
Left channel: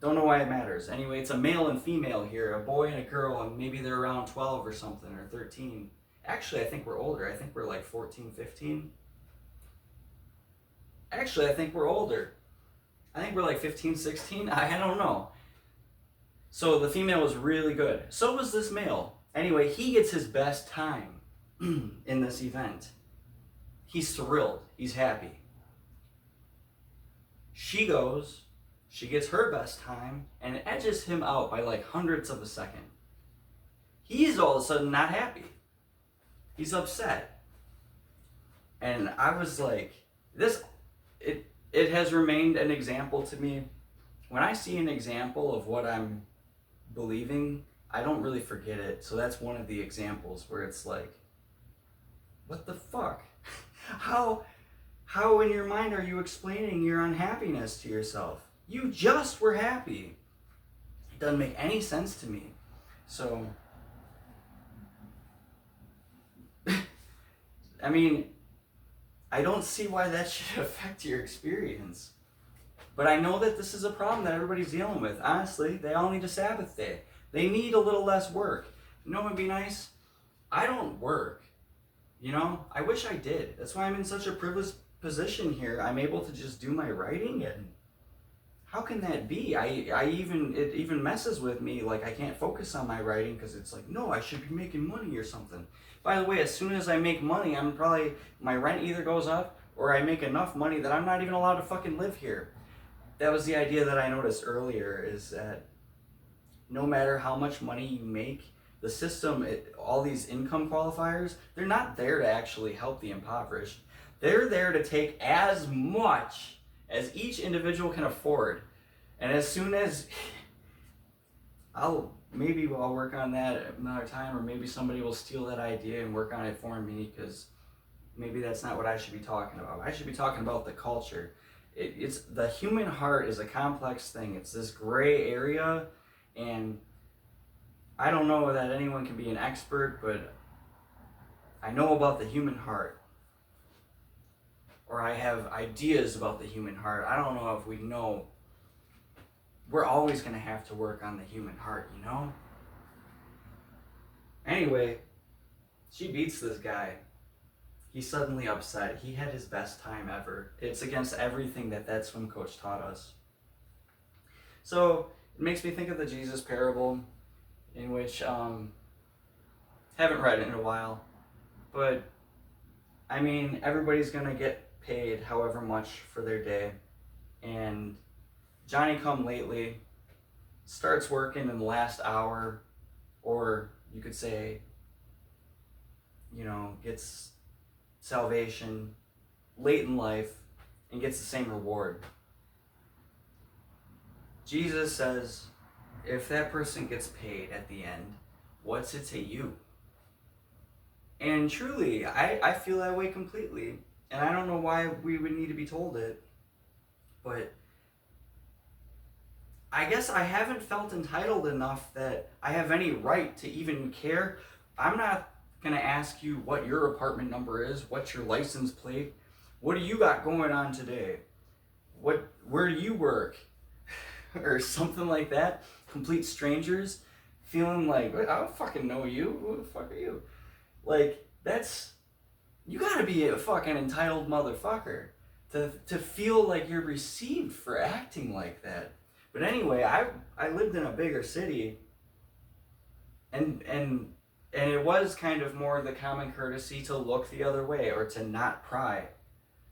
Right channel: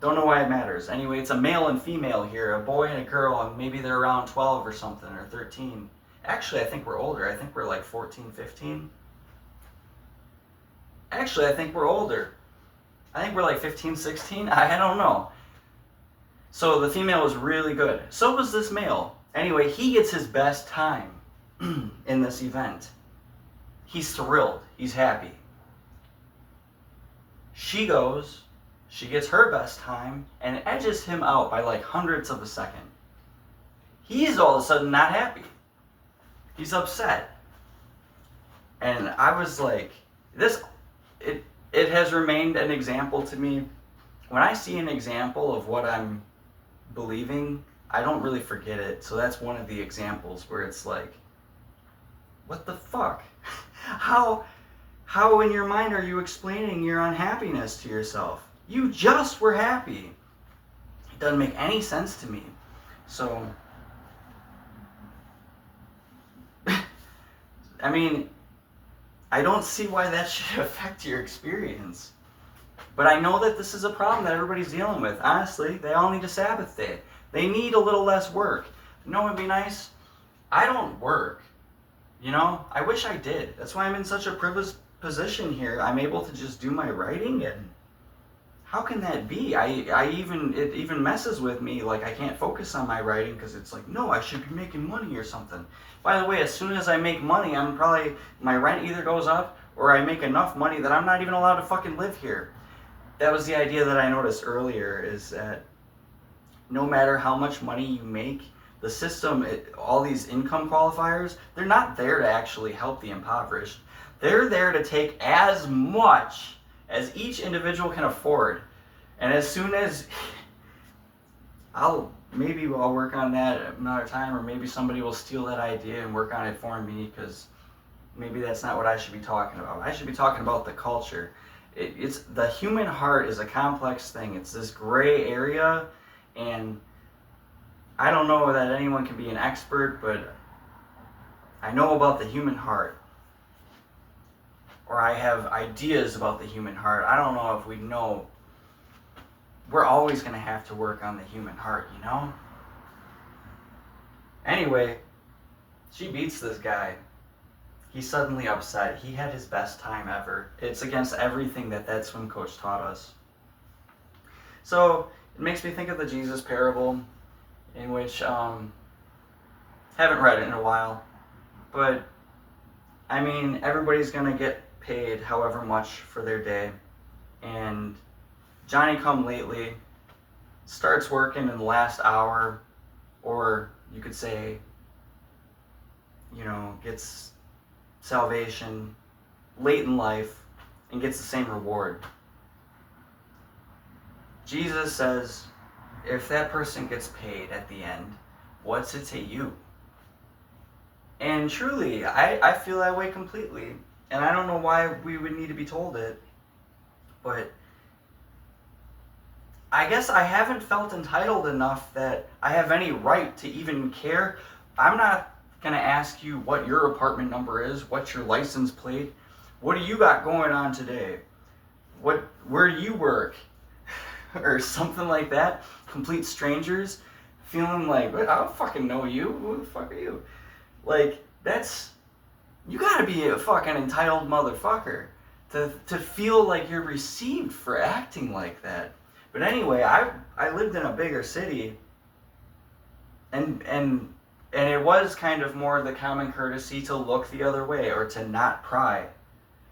Don't know why it matters. Anyway, it's a male and female here, a boy and a girl, and maybe they're around 12 or something, or 13. Actually, I think we're older. I think we're like 14, 15. Actually, I think we're older. I think we're like 15, 16. I don't know. So the female was really good. So was this male. Anyway, he gets his best time in this event. He's thrilled. He's happy. She goes, she gets her best time and edges him out by like hundredths of a second. He's all of a sudden not happy. He's upset. And I was like, it has remained an example to me. When I see an example of what I'm believing, I don't really forget it. So that's one of the examples where it's like, what the fuck? How in your mind are you explaining your unhappiness to yourself? You just were happy. It doesn't make any sense to me. So, I mean, I don't see why that should affect your experience. But I know that this is a problem that everybody's dealing with. Honestly, they all need a Sabbath day. They need a little less work. You know what would be nice? I don't work. You know, I wish I did. That's why I'm in such a privileged position here. I'm able to just do my writing, and how can that be? It even messes with me. Like, I can't focus on my writing because it's like, no, I should be making money or something. By the way, as soon as I make money, my rent either goes up or I make enough money that I'm not even allowed to fucking live here. That was the idea that I noticed earlier, is that no matter how much money you make, the system, all these income qualifiers, they're not there to actually help the impoverished. They're there to take as much as each individual can afford. And as soon as I'll work on that another time, or maybe somebody will steal that idea and work on it for me, because maybe that's not what I should be talking about. I should be talking about the culture. It's the human heart is a complex thing. It's this gray area, and I don't know that anyone can be an expert, but I know about the human heart. Or I have ideas about the human heart. I don't know if we know. We're always going to have to work on the human heart, you know? Anyway, she beats this guy. He's suddenly upset. He had his best time ever. It's against everything that swim coach taught us. So it makes me think of the Jesus parable, in which haven't read it in a while, but I mean, everybody's gonna get paid however much for their day, and Johnny come lately starts working in the last hour, or you could say, you know, gets salvation late in life and gets the same reward. Jesus says, if that person gets paid at the end, what's it to you? And truly, I feel that way completely. And I don't know why we would need to be told it, but I guess I haven't felt entitled enough that I have any right to even care. I'm not going to ask you what your apartment number is, what's your license plate, what do you got going on today, where do you work, or something like that. Complete strangers, feeling like, I don't fucking know you, who the fuck are you? Like, you gotta be a fucking entitled motherfucker to feel like you're received for acting like that. But anyway, I lived in a bigger city, and it was kind of more the common courtesy to look the other way or to not pry.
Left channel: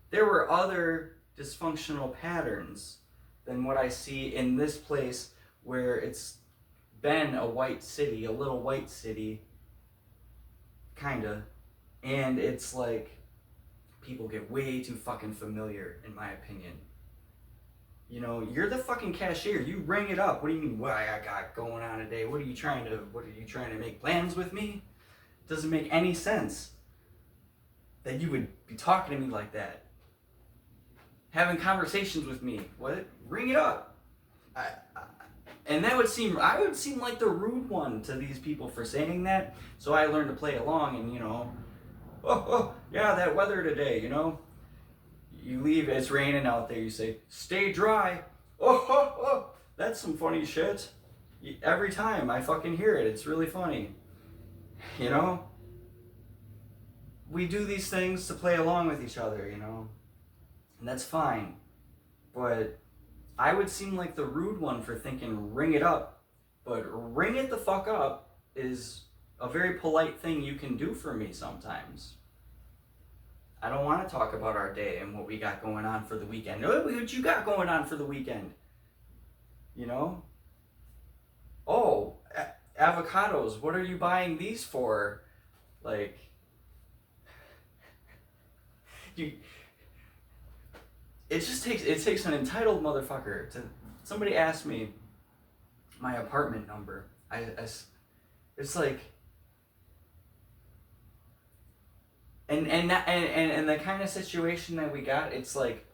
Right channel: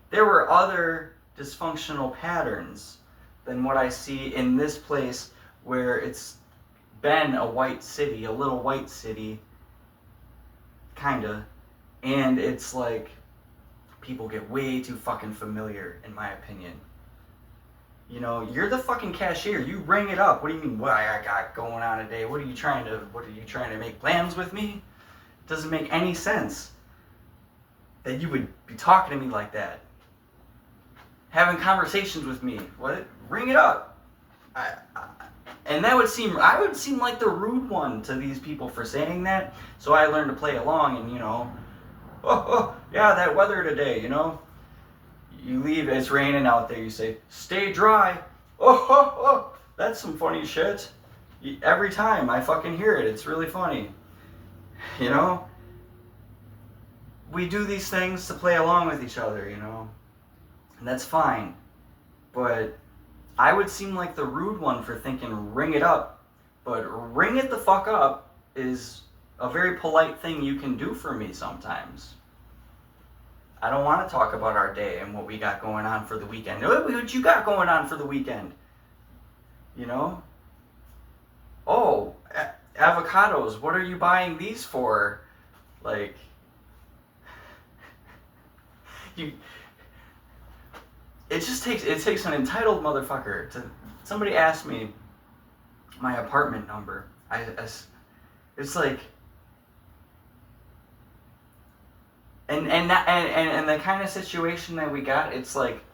There were other dysfunctional patterns than what I see in this place, where it's been a white city, a little white city, kinda, and it's like people get way too fucking familiar, in my opinion. You know, you're the fucking cashier. You ring it up. What do you mean? What I got going on today? What are you trying to make plans with me? It doesn't make any sense that you would be talking to me like that. Having conversations with me. What? Ring it up. And I would seem like the rude one to these people for saying that. So I learned to play along and, yeah, that weather today, You leave, it's raining out there, you say, stay dry. That's some funny shit. Every time I fucking hear it, it's really funny. We do these things to play along with each other, and that's fine. But I would seem like the rude one for thinking ring it up, but ring it the fuck up is a very polite thing you can do for me sometimes. I don't want to talk about our day and what we got going on for the weekend. What you got going on for the weekend? Oh, avocados, what are you buying these for? Like, it takes an entitled motherfucker to. Somebody asked me my apartment number. It's like, and the kind of situation that we got, it's like,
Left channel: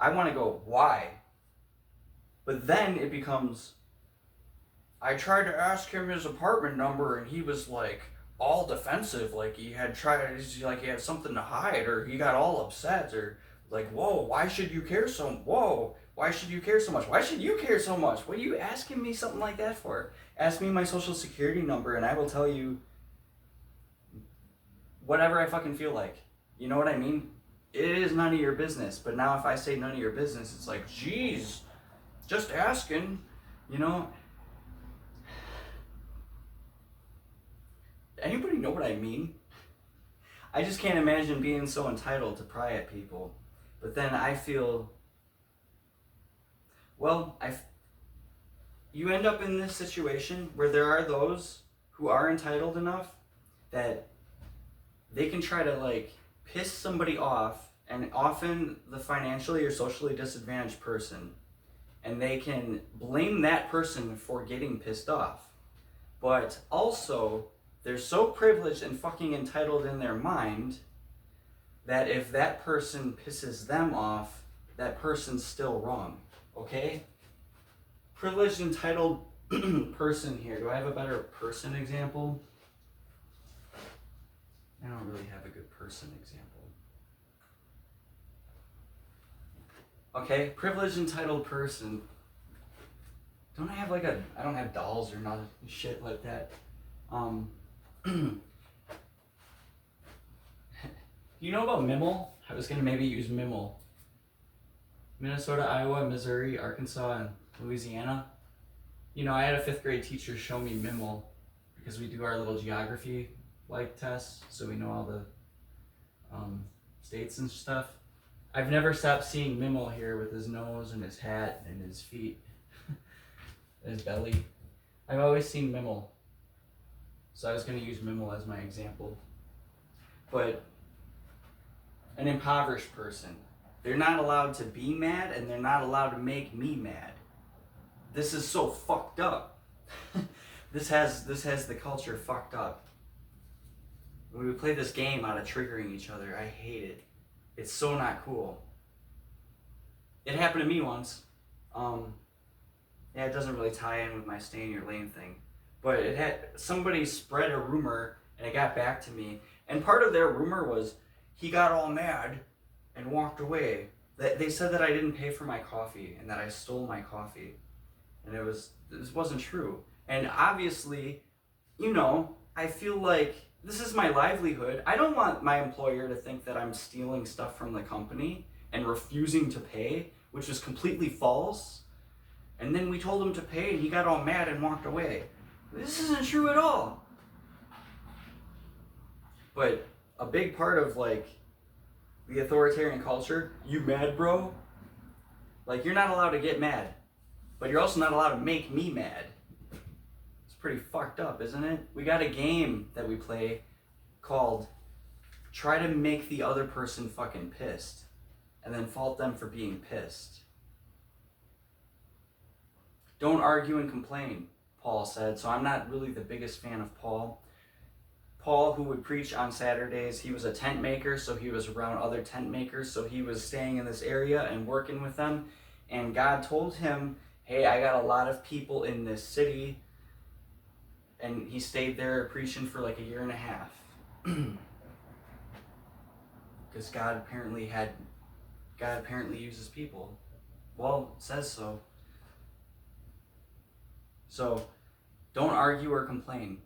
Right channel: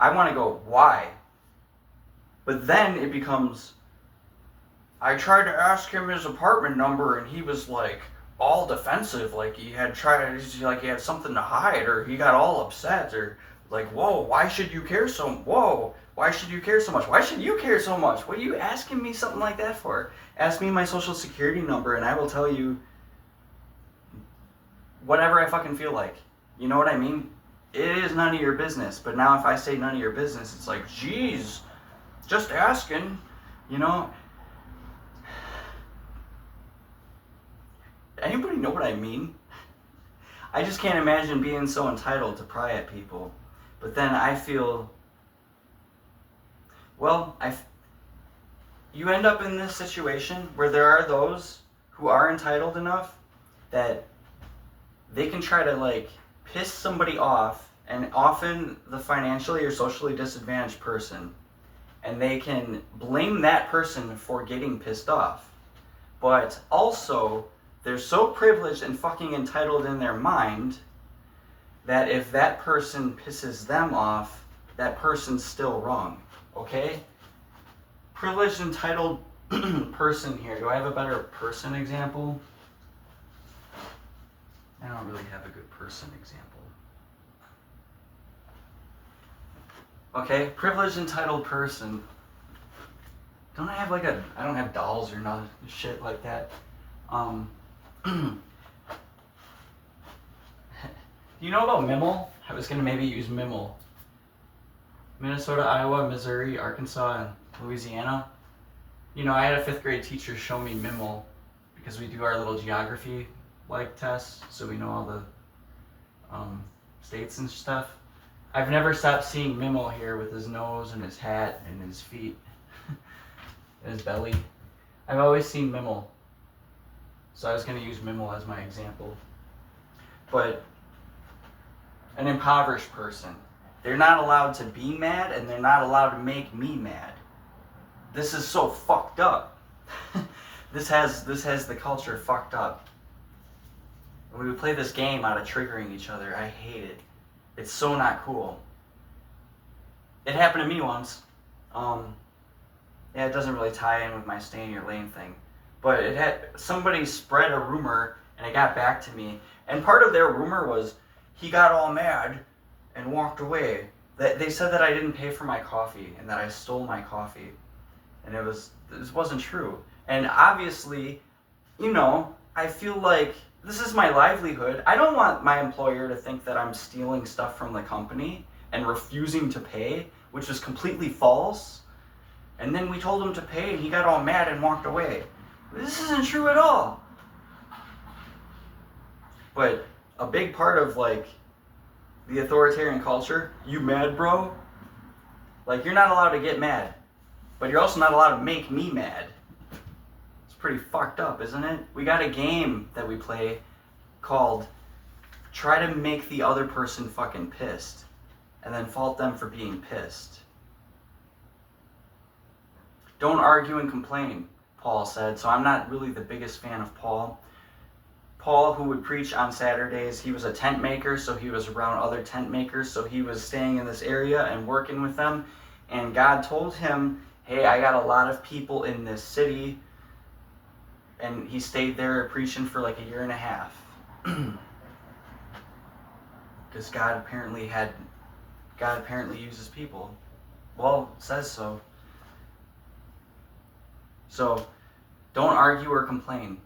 I want to go, why? But then it becomes, I tried to ask him his apartment number and he was like all defensive, like he had something to hide, or he got all upset, or like, why should you care so much? Why should you care so much? Why should you care so much? What are you asking me something like that for? Ask me my social security number and I will tell you whatever I fucking feel like. You know what I mean? It is none of your business. But now if I say none of your business, it's like, geez, just asking, Anybody know what I mean? I just can't imagine being so entitled to pry at people. But then I feel, you end up in this situation where there are those who are entitled enough that they can try to piss somebody off, and often the financially or socially disadvantaged person, and they can blame that person for getting pissed off. But also, they're so privileged and fucking entitled in their mind that if that person pisses them off, that person's still wrong, okay? Privileged, entitled person here. Do I have a better person example? I don't really have a good person example. Okay, privileged, entitled person. Don't I have I don't have dolls or none shit like that. Do you know about Mimel? I was gonna maybe use Mimel. Minnesota, Iowa, Missouri, Arkansas, and Louisiana. I had a 5th grade teacher show me Mimel because we do our little geography tests, so we know all the states and stuff. I've never stopped seeing Mimel here with his nose and his hat and his feet and his belly. I've always seen Mimel. So I was going to use Mimel as my example. But an impoverished person, they're not allowed to be mad and they're not allowed to make me mad. This is so fucked up. This has the culture fucked up. When we play this game out of triggering each other, I hate it. It's so not cool. It happened to me once. It doesn't really tie in with my stay in your lane thing. But somebody spread a rumor and it got back to me. And part of their rumor was he got all mad and walked away. They said that I didn't pay for my coffee and that I stole my coffee. And this wasn't true. And obviously, I feel like this is my livelihood. I don't want my employer to think that I'm stealing stuff from the company and refusing to pay, which is completely false. And then we told him to pay and he got all mad and walked away. This isn't true at all. But a big part of the authoritarian culture, you mad, bro? You're not allowed to get mad, but you're also not allowed to make me mad. It's pretty fucked up, isn't it? We got a game that we play called try to make the other person fucking pissed and then fault them for being pissed. Don't argue and complain, Paul said. So I'm not really the biggest fan of Paul. Paul, who would preach on Saturdays, he was a tent maker, so he was around other tent makers, so he was staying in this area and working with them. And God told him, hey, I got a lot of people in this city. And he stayed there preaching for like a year and a half. Because God apparently uses people. Well, it says so. So, don't argue or complain.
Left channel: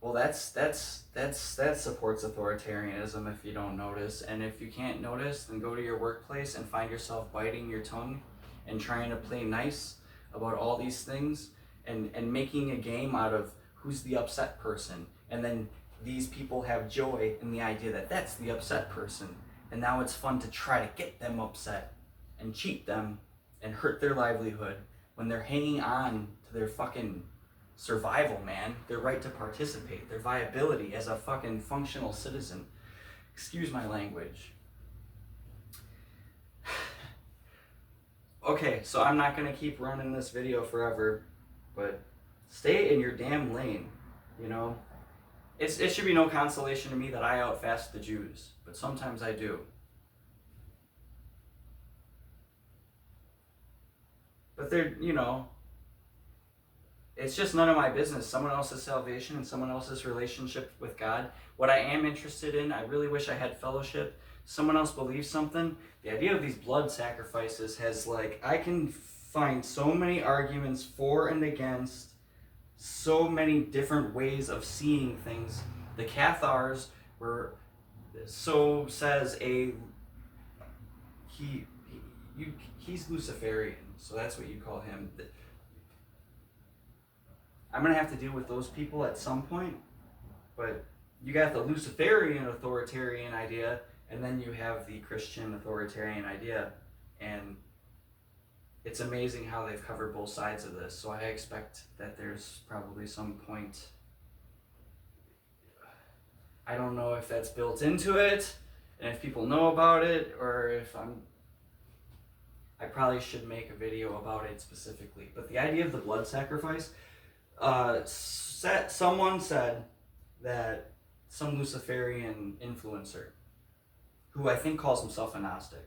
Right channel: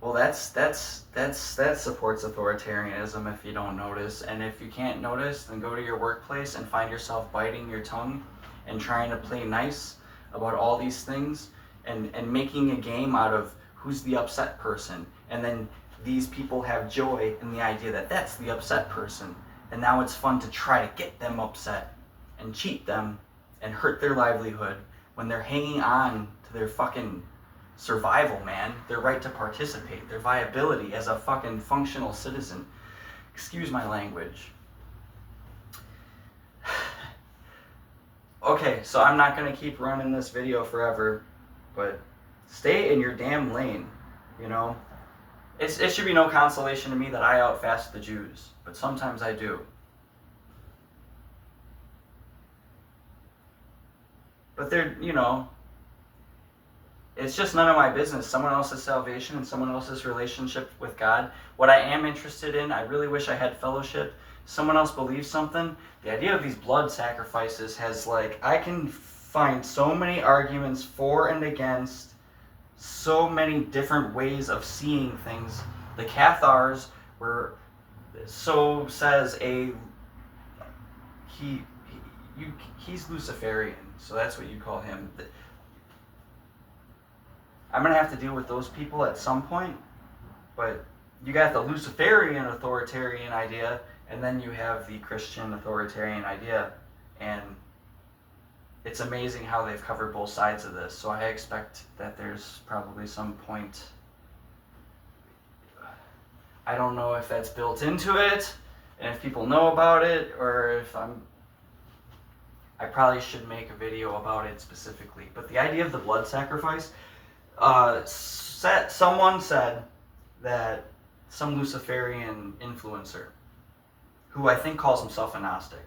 Well, that supports authoritarianism if you don't notice. And if you can't notice, then go to your workplace and find yourself biting your tongue and trying to play nice about all these things and making a game out of who's the upset person. And then these people have joy in the idea that that's the upset person. And now it's fun to try to get them upset and cheat them and hurt their livelihood when they're hanging on to their fucking survival, man, their right to participate, their viability as a fucking functional citizen. Excuse my language. Okay, so I'm not gonna keep running this video forever, but stay in your damn lane, you know? It should be no consolation to me that I outfast the Jews, but sometimes I do. But they're, you know, it's just none of my business. Someone else's salvation and someone else's relationship with God. What I am interested in, I really wish I had fellowship. Someone else believes something. The idea of these blood sacrifices has, like, I can find so many arguments for and against, so many different ways of seeing things. The Cathars were, so says he's Luciferian, so that's what you call him. I'm going to have to deal with those people at some point, but you got the Luciferian authoritarian idea, and then you have the Christian authoritarian idea, and it's amazing how they've covered both sides of this, so I expect that there's probably some point, I don't know if that's built into it, and if people know about it, or if I probably should make a video about it specifically, but the idea of the blood sacrifice, someone said that some Luciferian influencer, who I think calls himself a Gnostic,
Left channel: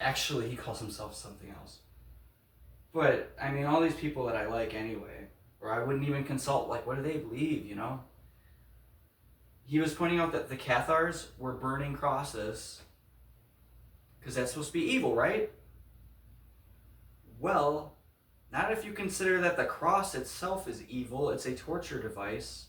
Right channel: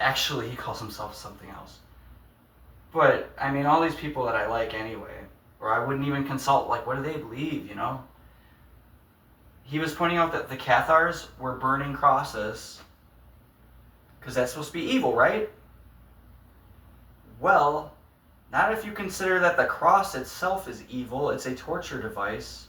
actually he calls himself something else. But, I mean, all these people that I like anyway, or I wouldn't even consult, like, what do they believe, you know? He was pointing out that the Cathars were burning crosses, because that's supposed to be evil, right? Well, not if you consider that the cross itself is evil, it's a torture device,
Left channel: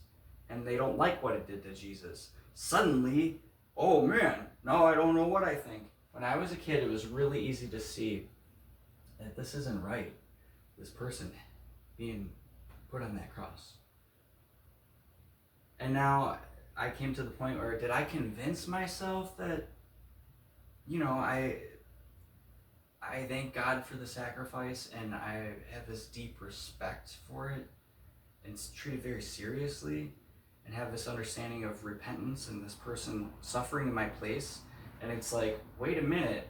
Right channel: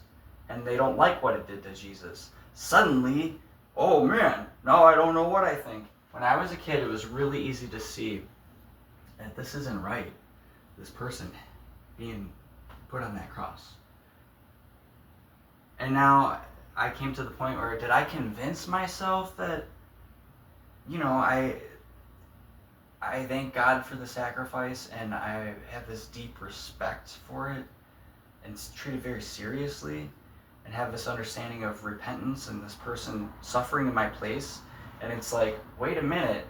and they don't like what it did to Jesus. Suddenly, oh man, now I don't know what I think. When I was a kid, it was really easy to see that this isn't right, this person being put on that cross. And now I came to the point where, did I convince myself that, you know, I thank God for the sacrifice, and I have this deep respect for it, and treat it very seriously, and have this understanding of repentance and this person suffering in my place. And it's like, wait a minute,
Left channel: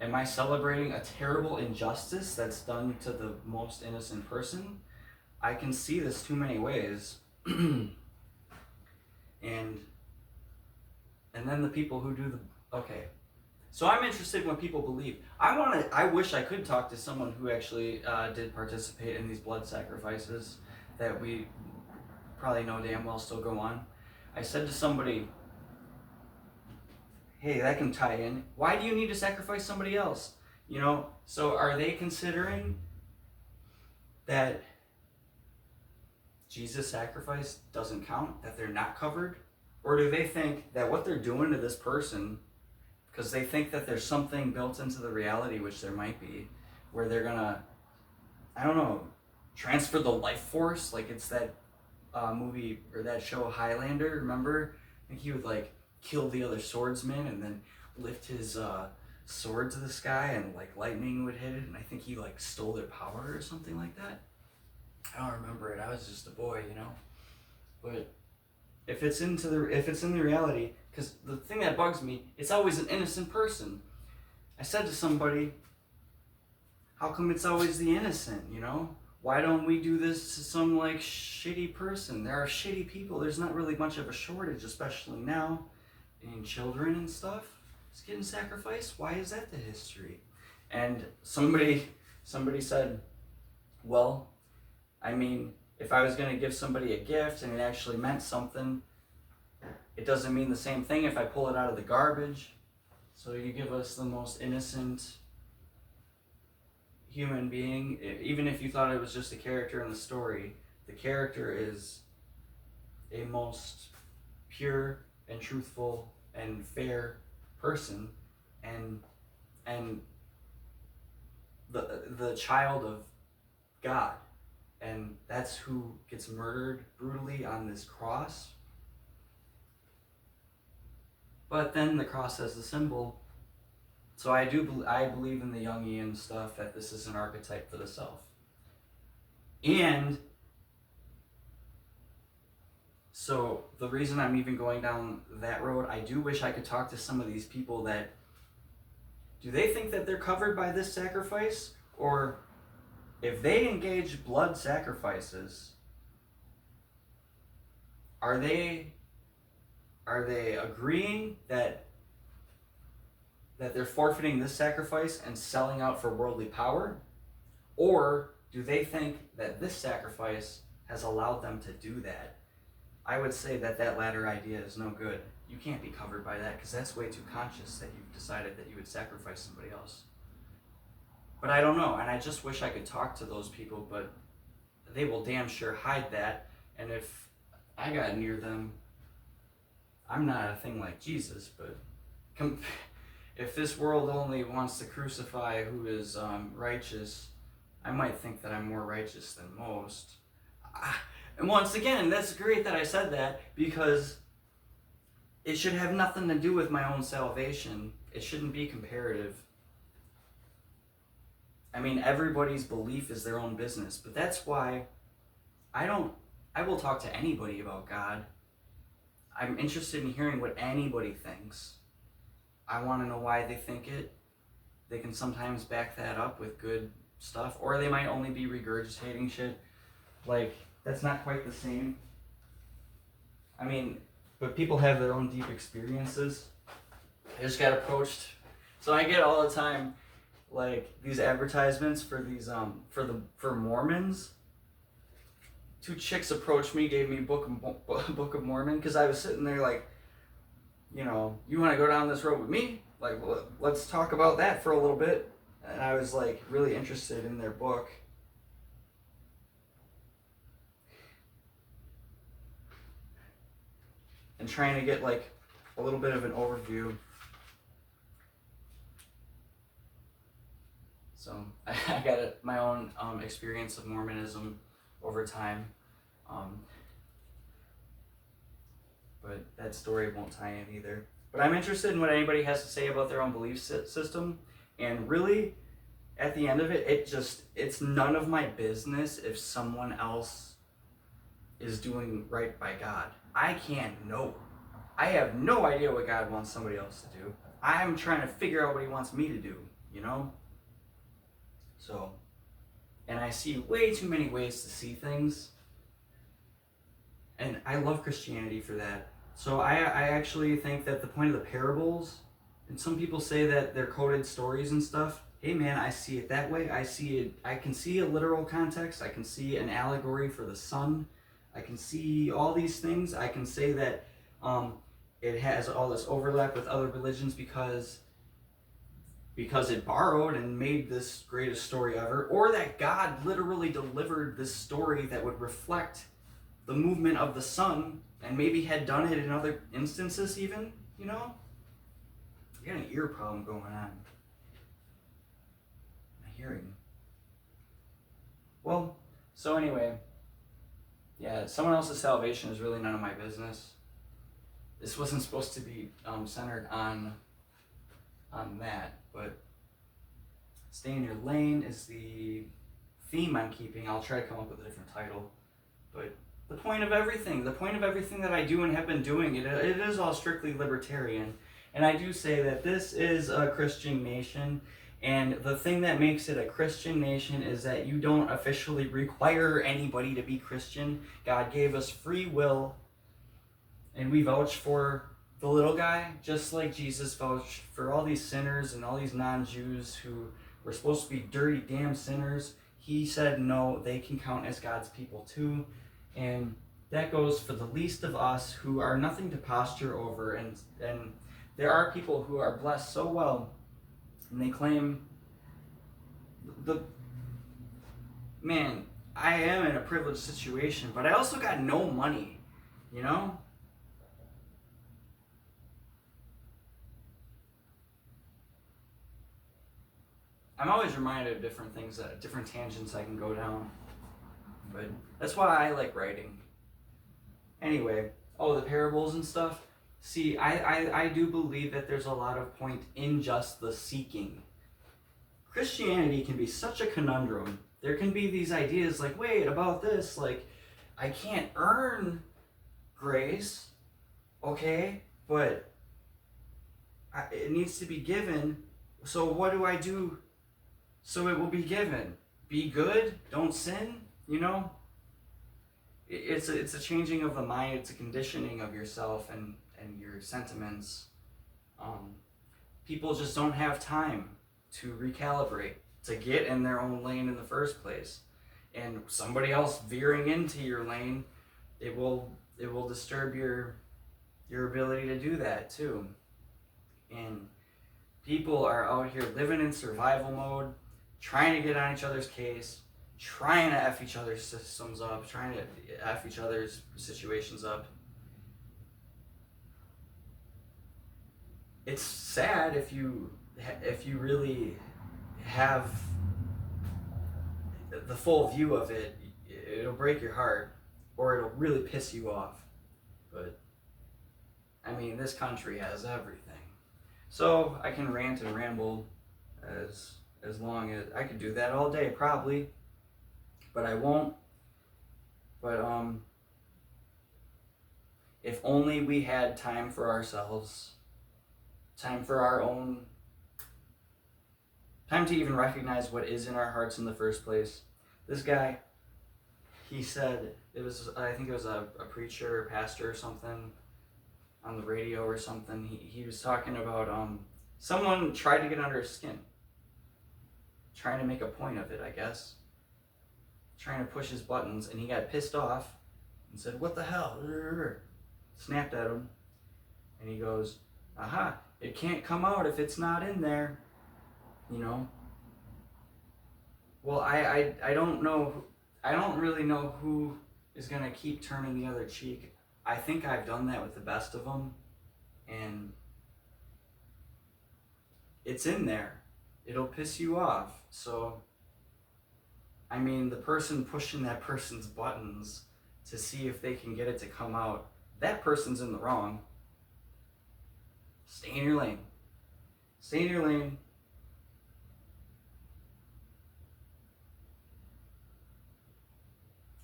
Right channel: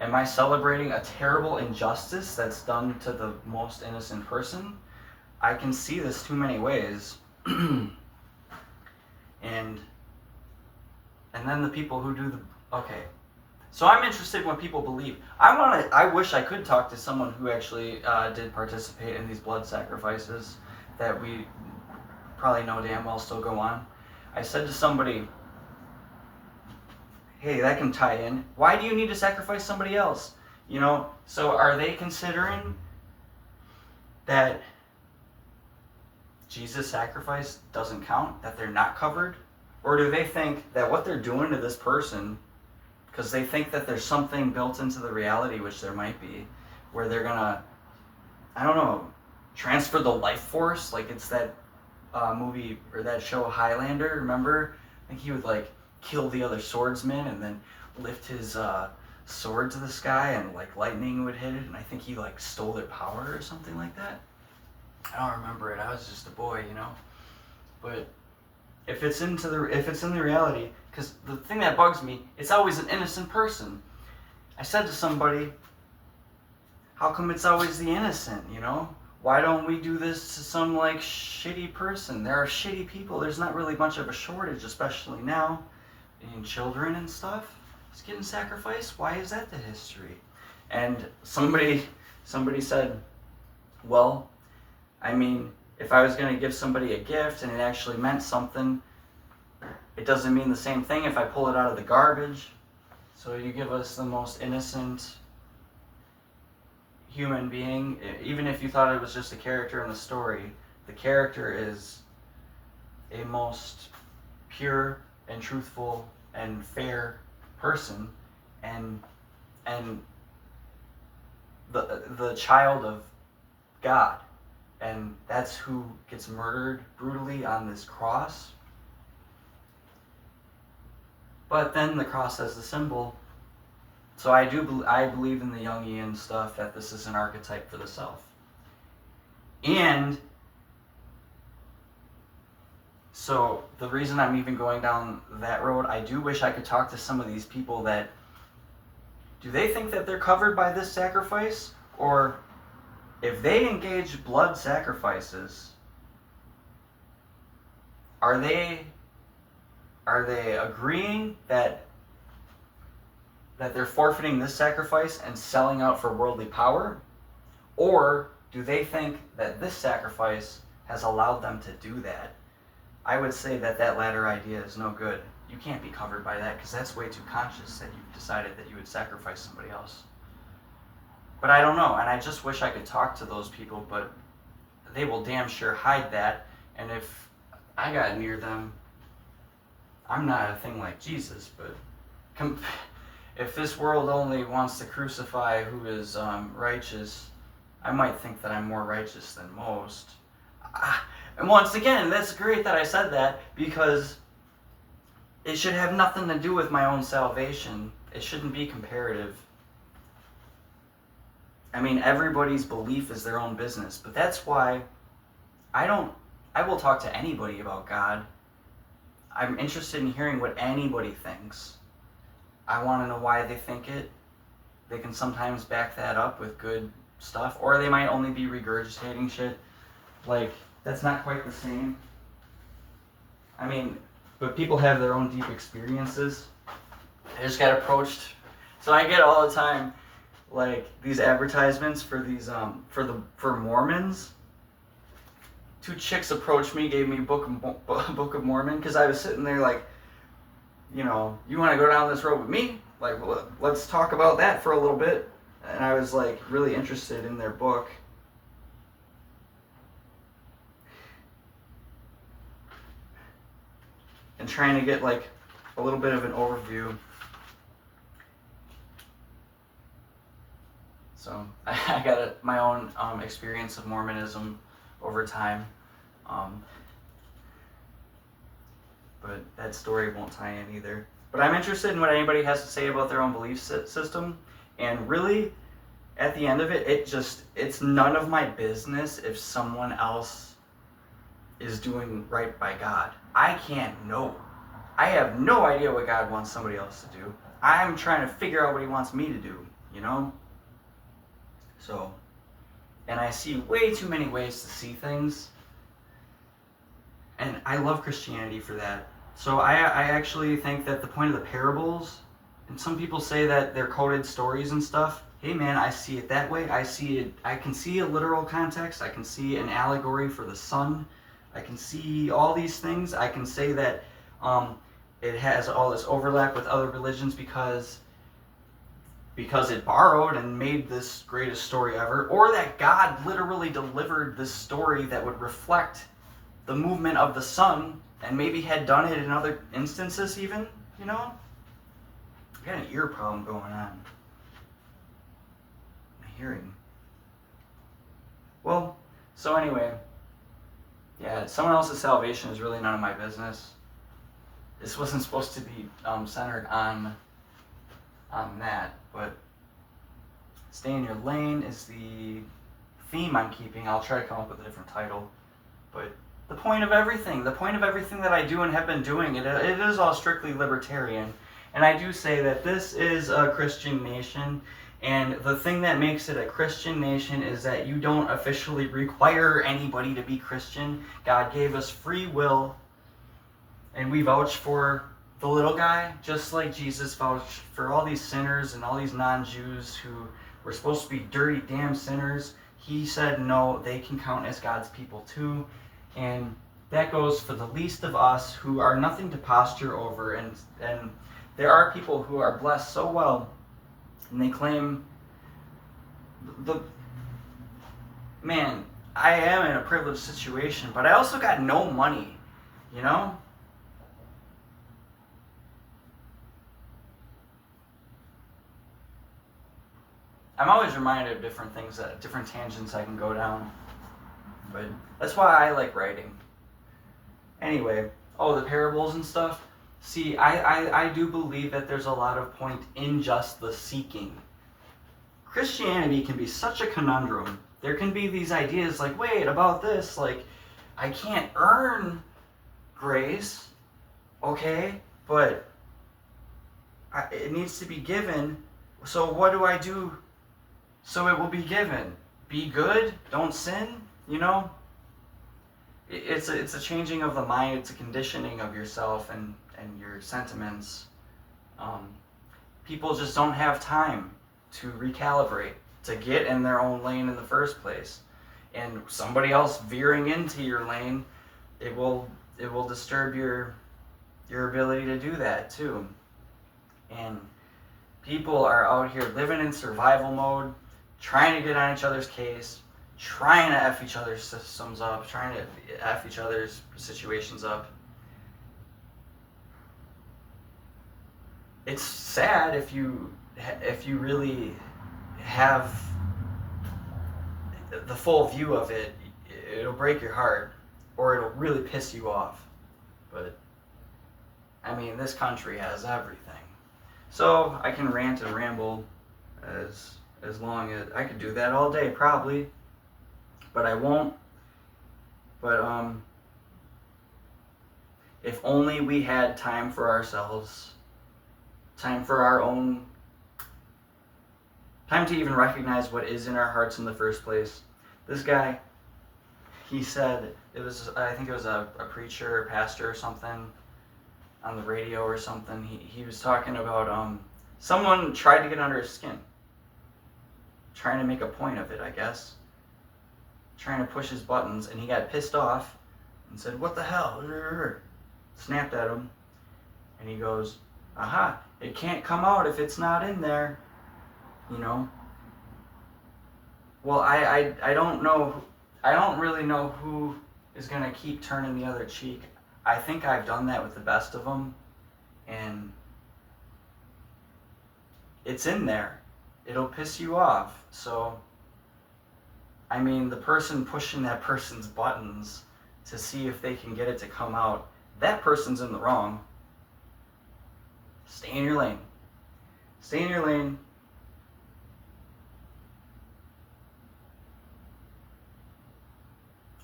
am I celebrating a terrible injustice that's done to the most innocent person? I can see this too many ways. and then the people who do the, okay. So I'm interested in what people believe. I wish I could talk to someone who actually did participate in these blood sacrifices that we probably know damn well still go on. I said to somebody, hey, that can tie in. Why do you need to sacrifice somebody else? You know, so are they considering that Jesus' sacrifice doesn't count, that they're not covered? Or do they think that what they're doing to this person, because they think that there's something built into the reality, which there might be, where they're gonna, I don't know, transfer the life force? Like it's that movie or that show Highlander, remember? I think he would like kill the other swordsman and then lift his sword to the sky and like lightning would hit it, and I think he like stole their power or something like that. I don't remember it. I was just a boy, you know. But if it's in the reality, because the thing that bugs me, it's always an innocent person. I said to somebody, how come it's always the innocent, you know? why don't we do this to some like shitty person? There are shitty people. There's not really much of a shortage, especially now, in children and stuff. It's getting sacrificed. Why is that the history? And somebody said, well, I mean, if I was going to give somebody a gift and it actually meant something, it doesn't mean the same thing if I pull it out of the garbage. So you give us the most innocent human being, even if you thought it was just a character in the story, the character is a most pure and truthful and fair person, and the child of God, and that's who gets murdered brutally on this cross. But then the cross has the symbol. So I believe in the Jungian stuff, that this is an archetype for the self. And so the reason I'm even going down that road, I do wish I could talk to some of these people that, do they think that they're covered by this sacrifice? Or if they engage blood sacrifices, are they agreeing that they're forfeiting this sacrifice and selling out for worldly power? Or do they think that this sacrifice has allowed them to do that? I would say that latter idea is no good. You can't be covered by that, because that's way too conscious that you've decided that you would sacrifice somebody else. But I don't know, and I just wish I could talk to those people, but they will damn sure hide that. And if I got near them, I'm not a thing like Jesus, but if this world only wants to crucify who is righteous, I might think that I'm more righteous than most. And once again, that's great that I said that, because it should have nothing to do with my own salvation. It shouldn't be comparative. I mean, everybody's belief is their own business, but that's why I will talk to anybody about God. I'm interested in hearing what anybody thinks. I want to know why they think it. They can sometimes back that up with good stuff, or they might only be regurgitating shit. Like, that's not quite the same. I mean, but people have their own deep experiences. I just got approached. So I get all the time, like, these advertisements for these for Mormons. 2 chicks approached me, gave me Book of Mormon, because I was sitting there like, you know, you want to go down this road with me? Like, well, let's talk about that for a little bit. And I was like really interested in their book. And trying to get like a little bit of an overview. So I got my own experience of Mormonism over time. But that story won't tie in either. But I'm interested in what anybody has to say about their own belief system. And really, at the end of it, it's none of my business if someone else is doing right by God. I can't know. I have no idea what God wants somebody else to do. I'm trying to figure out what he wants me to do, you know? So, and I see way too many ways to see things. And I love Christianity for that. So I actually think that the point of the parables, and some people say that they're coded stories and stuff. Hey man, I see it that way. I can see a literal context. I can see an allegory for the sun. I can see all these things. I can say that it has all this overlap with other religions because it borrowed and made this greatest story ever, or that God literally delivered this story that would reflect the movement of the sun, and maybe had done it in other instances even, you know? I got an ear problem going on. My hearing. Well, so anyway, yeah, someone else's salvation is really none of my business. This wasn't supposed to be centered on that, but stay in your lane is the theme I'm keeping. I'll try to come up with a different title, but the point of everything that I do and have been doing, it is all strictly libertarian. And I do say that this is a Christian nation, And the thing that makes it a Christian nation is that you don't officially require anybody to be Christian. God gave us free will, and we vouch for the little guy, just like Jesus vouched for all these sinners and all these non-Jews who were supposed to be dirty, damn sinners. He said, no, they can count as God's people too. And that goes for the least of us who are nothing to posture over. And there are people who are blessed so well, and they claim, man, I am in a privileged situation, but I also got no money, you know? I'm always reminded of different things, different tangents I can go down. But that's why I like writing. Anyway, the parables and stuff. See, I do believe that there's a lot of point in just the seeking. Christianity can be such a conundrum. There can be these ideas like, wait, about this, like, I can't earn grace, okay, but it needs to be given. So what do I do so it will be given? Be good, don't sin, you know? It's a changing of the mind, it's a conditioning of yourself and your sentiments. People just don't have time to recalibrate, to get in their own lane in the first place. And somebody else veering into your lane, it will disturb your ability to do that too. And people are out here living in survival mode, trying to get on each other's case, trying to F each other's systems up, trying to F each other's situations up. It's sad if you really have the full view of it. It'll break your heart, or it'll really piss you off. But I mean, this country has everything. So I can rant and ramble as long as I could do that all day probably, but I won't. But if only we had time for ourselves, time for our own, time to even recognize what is in our hearts in the first place. This guy, he said, I think it was a preacher or pastor or something on the radio or something. He was talking about someone tried to get under his skin, trying to make a point of it, I guess, trying to push his buttons, and he got pissed off and said, "What the hell?" Snapped at him, and he goes, "Aha, it can't come out if it's not in there," you know. Well, I don't know, I don't really know who is going to keep turning the other cheek. I think I've done that with the best of them, and it's in there. It'll piss you off. So, I mean, the person pushing that person's buttons to see if they can get it to come out, that person's in the wrong. Stay in your lane. Stay in your lane.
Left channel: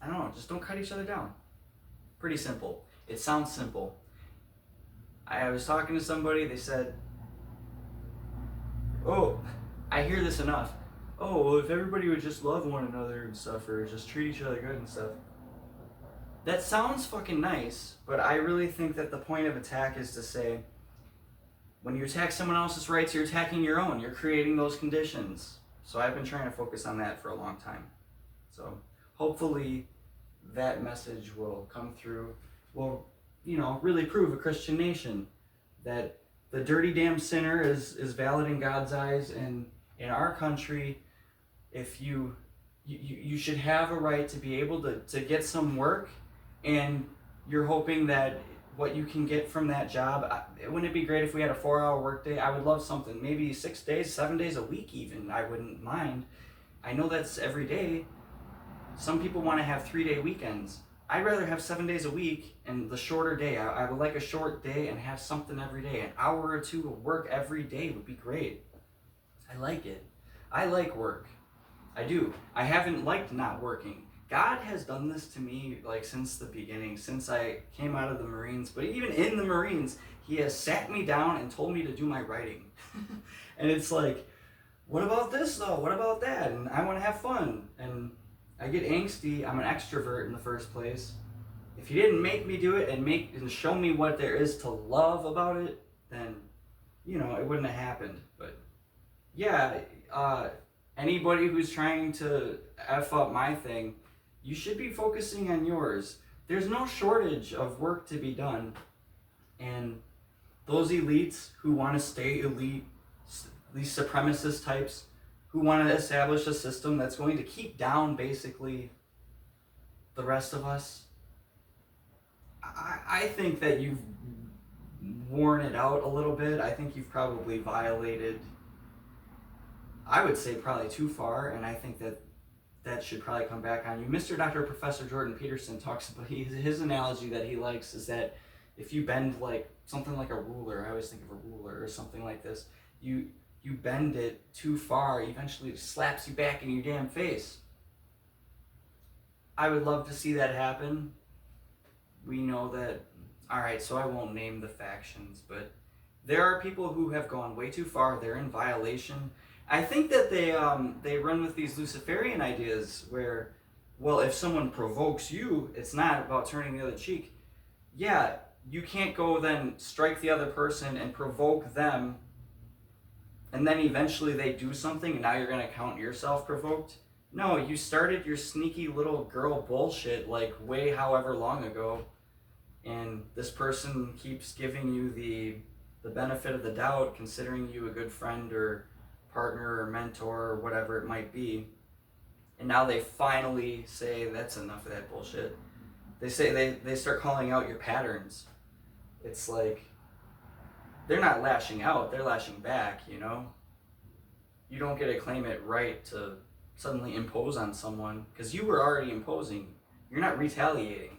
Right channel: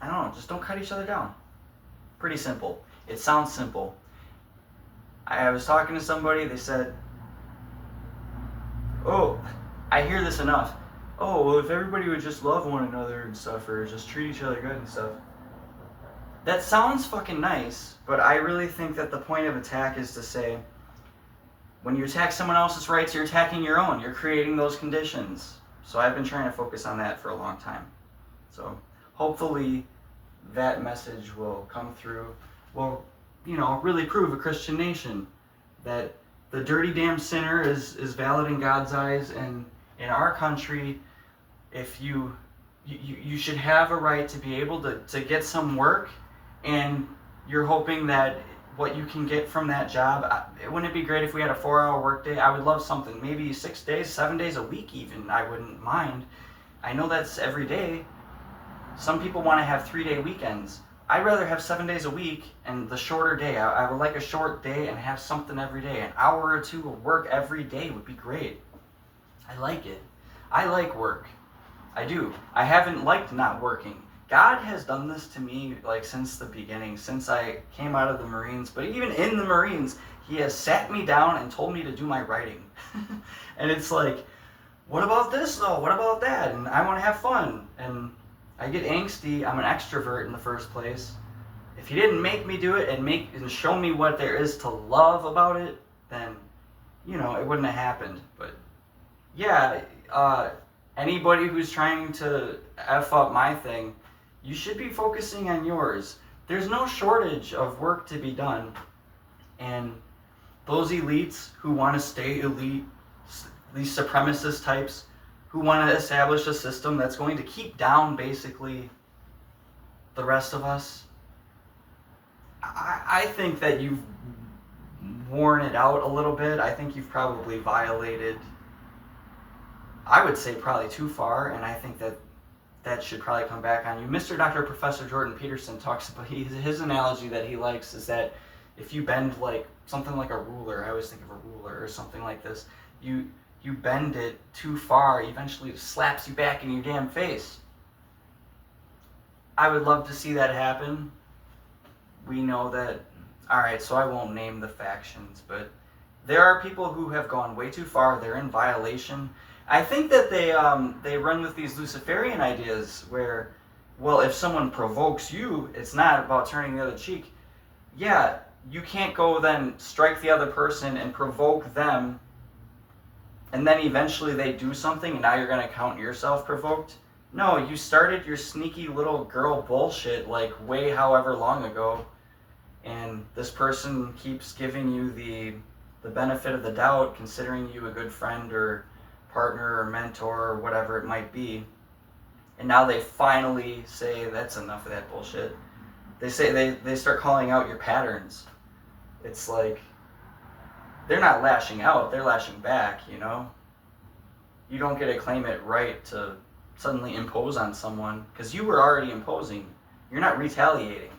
I don't know, just don't cut each other down. Pretty simple. It sounds simple. I was talking to somebody, they said, "Oh, I hear this enough. Oh, well, if everybody would just love one another and stuff, or just treat each other good and stuff." That sounds fucking nice, but I really think that the point of attack is to say, when you attack someone else's rights, you're attacking your own. You're creating those conditions. So I've been trying to focus on that for a long time. So hopefully that message will come through, will, really prove a Christian nation, that the dirty damn sinner is valid in God's eyes, and in our country, if you should have a right to be able to get some work, and you're hoping that what you can get from that job, wouldn't it be great if we had a 4-hour workday? I would love something, maybe 6 days, 7 days a week even, I wouldn't mind. I know that's every day. Some people want to have 3-day weekends. I'd rather have 7 days a week and the shorter day. I would like a short day and have something every day. An hour or two of work every day would be great. I like it. I like work. I do. I haven't liked not working. God has done this to me since the beginning, since I came out of the Marines. But even in the Marines, he has sat me down and told me to do my writing. And it's like, what about this though? What about that? And I want to have fun. And I get angsty. I'm an extrovert in the first place. If you didn't make me do it and show me what there is to love about it, then, it wouldn't have happened. But yeah, anybody who's trying to F up my thing, you should be focusing on yours. There's no shortage of work to be done. And those elites who want to stay elite, these supremacist types who want to establish a system that's going to keep down basically the rest of us, I think that you've worn it out a little bit. I think you've probably violated, I would say probably too far, and I think that should probably come back on you. Mr. Dr. Professor Jordan Peterson talks about, his analogy that he likes is that if you bend like something like a ruler, I always think of a ruler or something like this, you bend it too far, eventually it slaps you back in your damn face. I would love to see that happen. We know that, alright, so I won't name the factions, but there are people who have gone way too far. They're in violation. I think that they run with these Luciferian ideas where, well, if someone provokes you, it's not about turning the other cheek. Yeah, you can't go then strike the other person and provoke them, and then eventually they do something and now you're going to count yourself provoked. No, you started your sneaky little girl bullshit like way however long ago, and this person keeps giving you the benefit of the doubt, considering you a good friend or partner or mentor or whatever it might be, and now they finally say that's enough of that bullshit. They start calling out your patterns. It's like they're not lashing out, they're lashing back. You don't get to claim it right to suddenly impose on someone, because you were already imposing. You're not retaliating.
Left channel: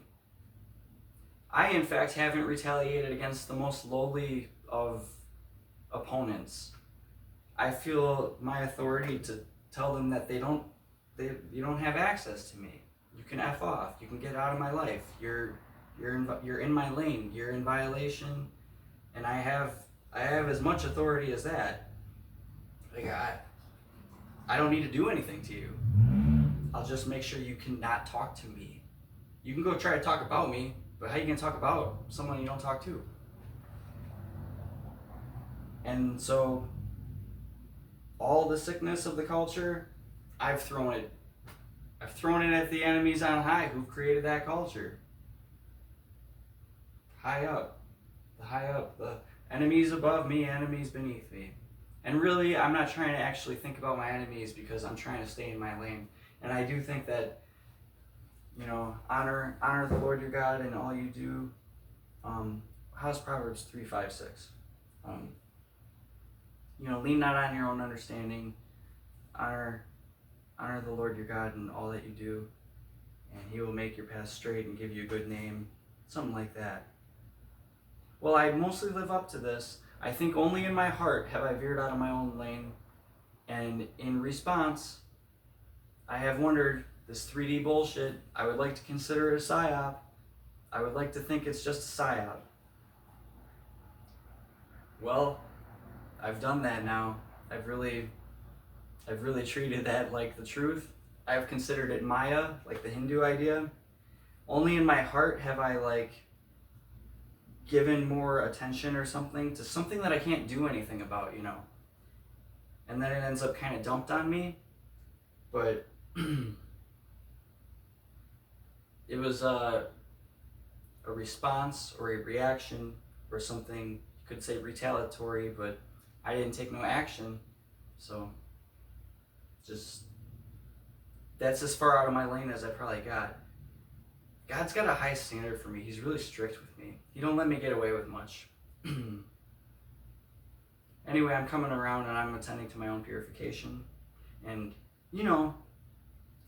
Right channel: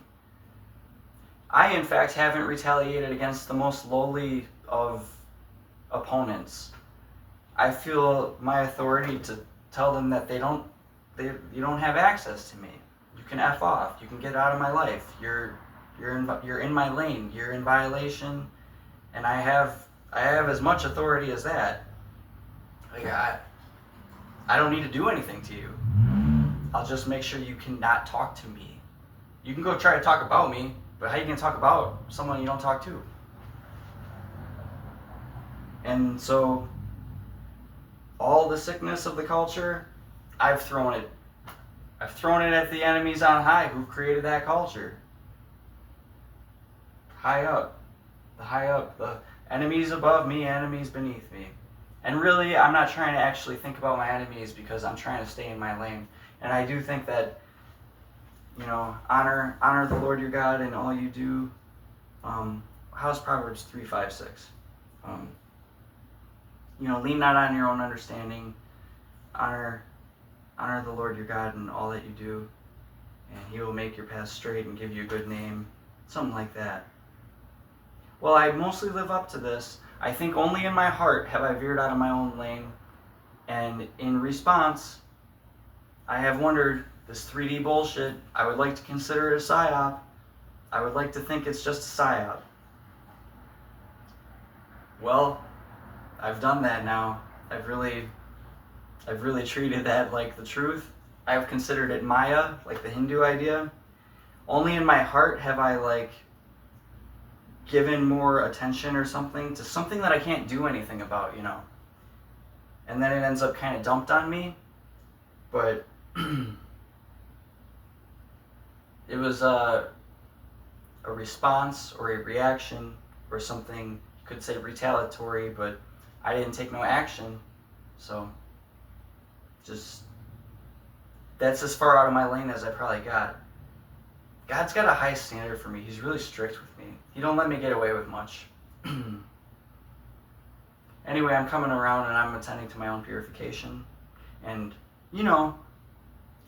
I, in fact, haven't retaliated against the most lowly of opponents. I feel my authority to tell them that you don't have access to me. You can F off. You can get out of my life. You're in my lane. You're in violation, and I have as much authority as that. Like I don't need to do anything to you. I'll just make sure you cannot talk to me. You can go try to talk about me, but how are you going to talk about someone you don't talk to? And so, all the sickness of the culture, I've thrown it at the enemies on high who've created that culture. High up, the enemies above me, enemies beneath me. And really, I'm not trying to actually think about my enemies because I'm trying to stay in my lane. And I do think that, honor the Lord your God in all you do. How's Proverbs 3:5-6? Lean not on your own understanding. Honor the Lord your God in all that you do, and he will make your path straight and give you a good name. Something like that. Well, I mostly live up to this. I think only in my heart have I veered out of my own lane, and in response, I have wondered, this 3D bullshit, I would like to consider it a psyop. I would like to think it's just a psyop. Well, I've done that now. I've really treated that like the truth. I've considered it Maya, like the Hindu idea. Only in my heart have I given more attention or something to something that I can't do anything about, And then it ends up kind of dumped on me. But it was a response or a reaction or something, you could say retaliatory, but I didn't take no action. So that's as far out of my lane as I probably got. God's got a high standard for me. He's really strict with me. He don't let me get away with much. Anyway, I'm coming around and I'm attending to my own purification. And,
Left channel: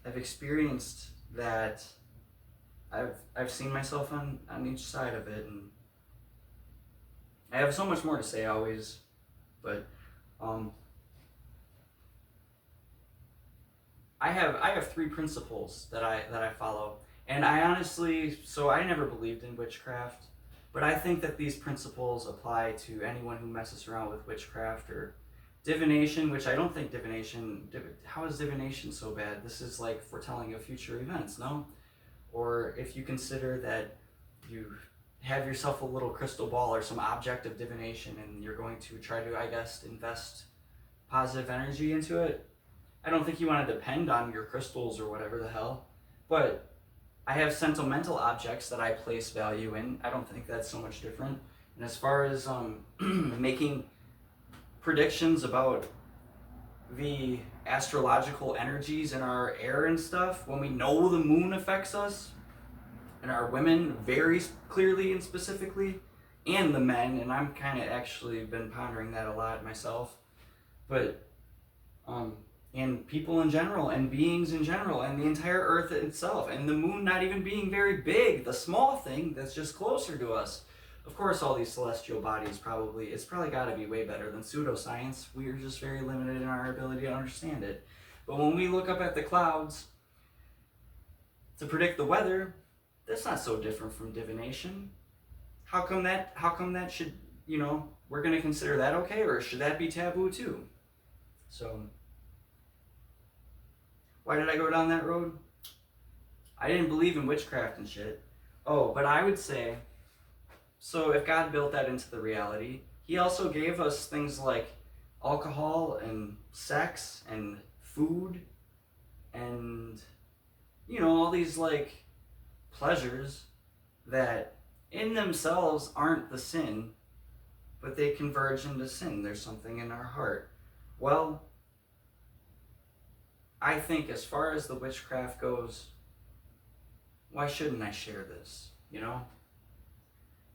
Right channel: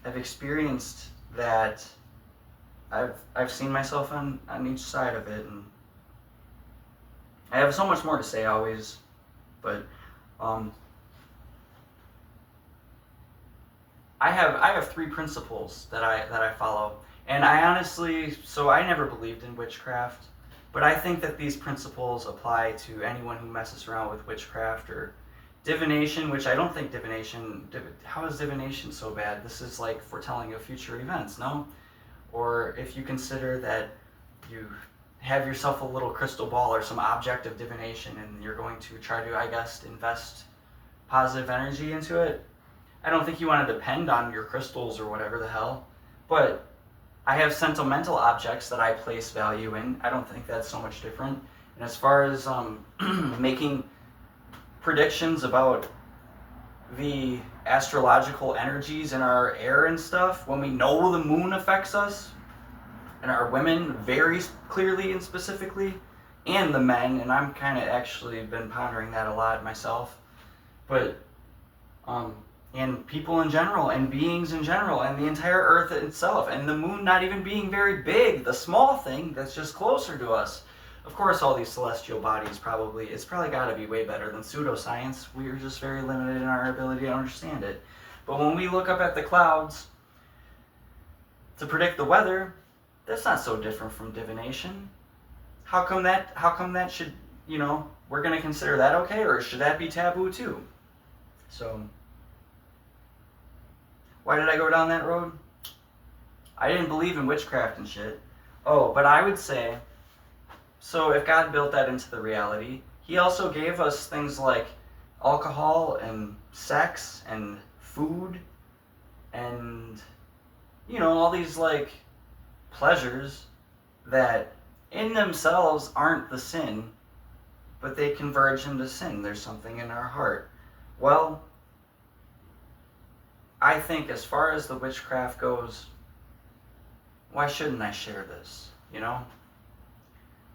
I've experienced that. I've seen myself on each side of it. And I have so much more to say always. But I have 3 principles that I follow. And I honestly, I never believed in witchcraft, but I think that these principles apply to anyone who messes around with witchcraft or Divination, which I don't think how is divination so bad? This is like foretelling of future events, no? Or if you consider that you have yourself a little crystal ball or some object of divination and you're going to try to, I guess, invest positive energy into it. I don't think you want to depend on your crystals or whatever the hell, but I have sentimental objects that I place value in. I don't think that's so much different. And as far as making predictions about the astrological energies in our air and stuff, when we know the moon affects us, and our women very clearly and specifically, and the men, and I'm kind of actually been pondering that a lot myself, but and people in general, and beings in general, and the entire earth itself, and the moon not even being very big, the small thing that's just closer to us. Of course, all these celestial bodies it's probably got to be way better than pseudoscience. We're just very limited in our ability to understand it. But when we look up at the clouds to predict the weather, that's not so different from divination. How come that should, we're going to consider that okay, or should that be taboo too? So, why did I go down that road? I didn't believe in witchcraft and shit. Oh, but I would say, so if God built that into the reality, he also gave us things like alcohol and sex and food and, all these like pleasures that in themselves aren't the sin, but they converge into sin. There's something in our heart. Well, I think as far as the witchcraft goes, why shouldn't I share this, And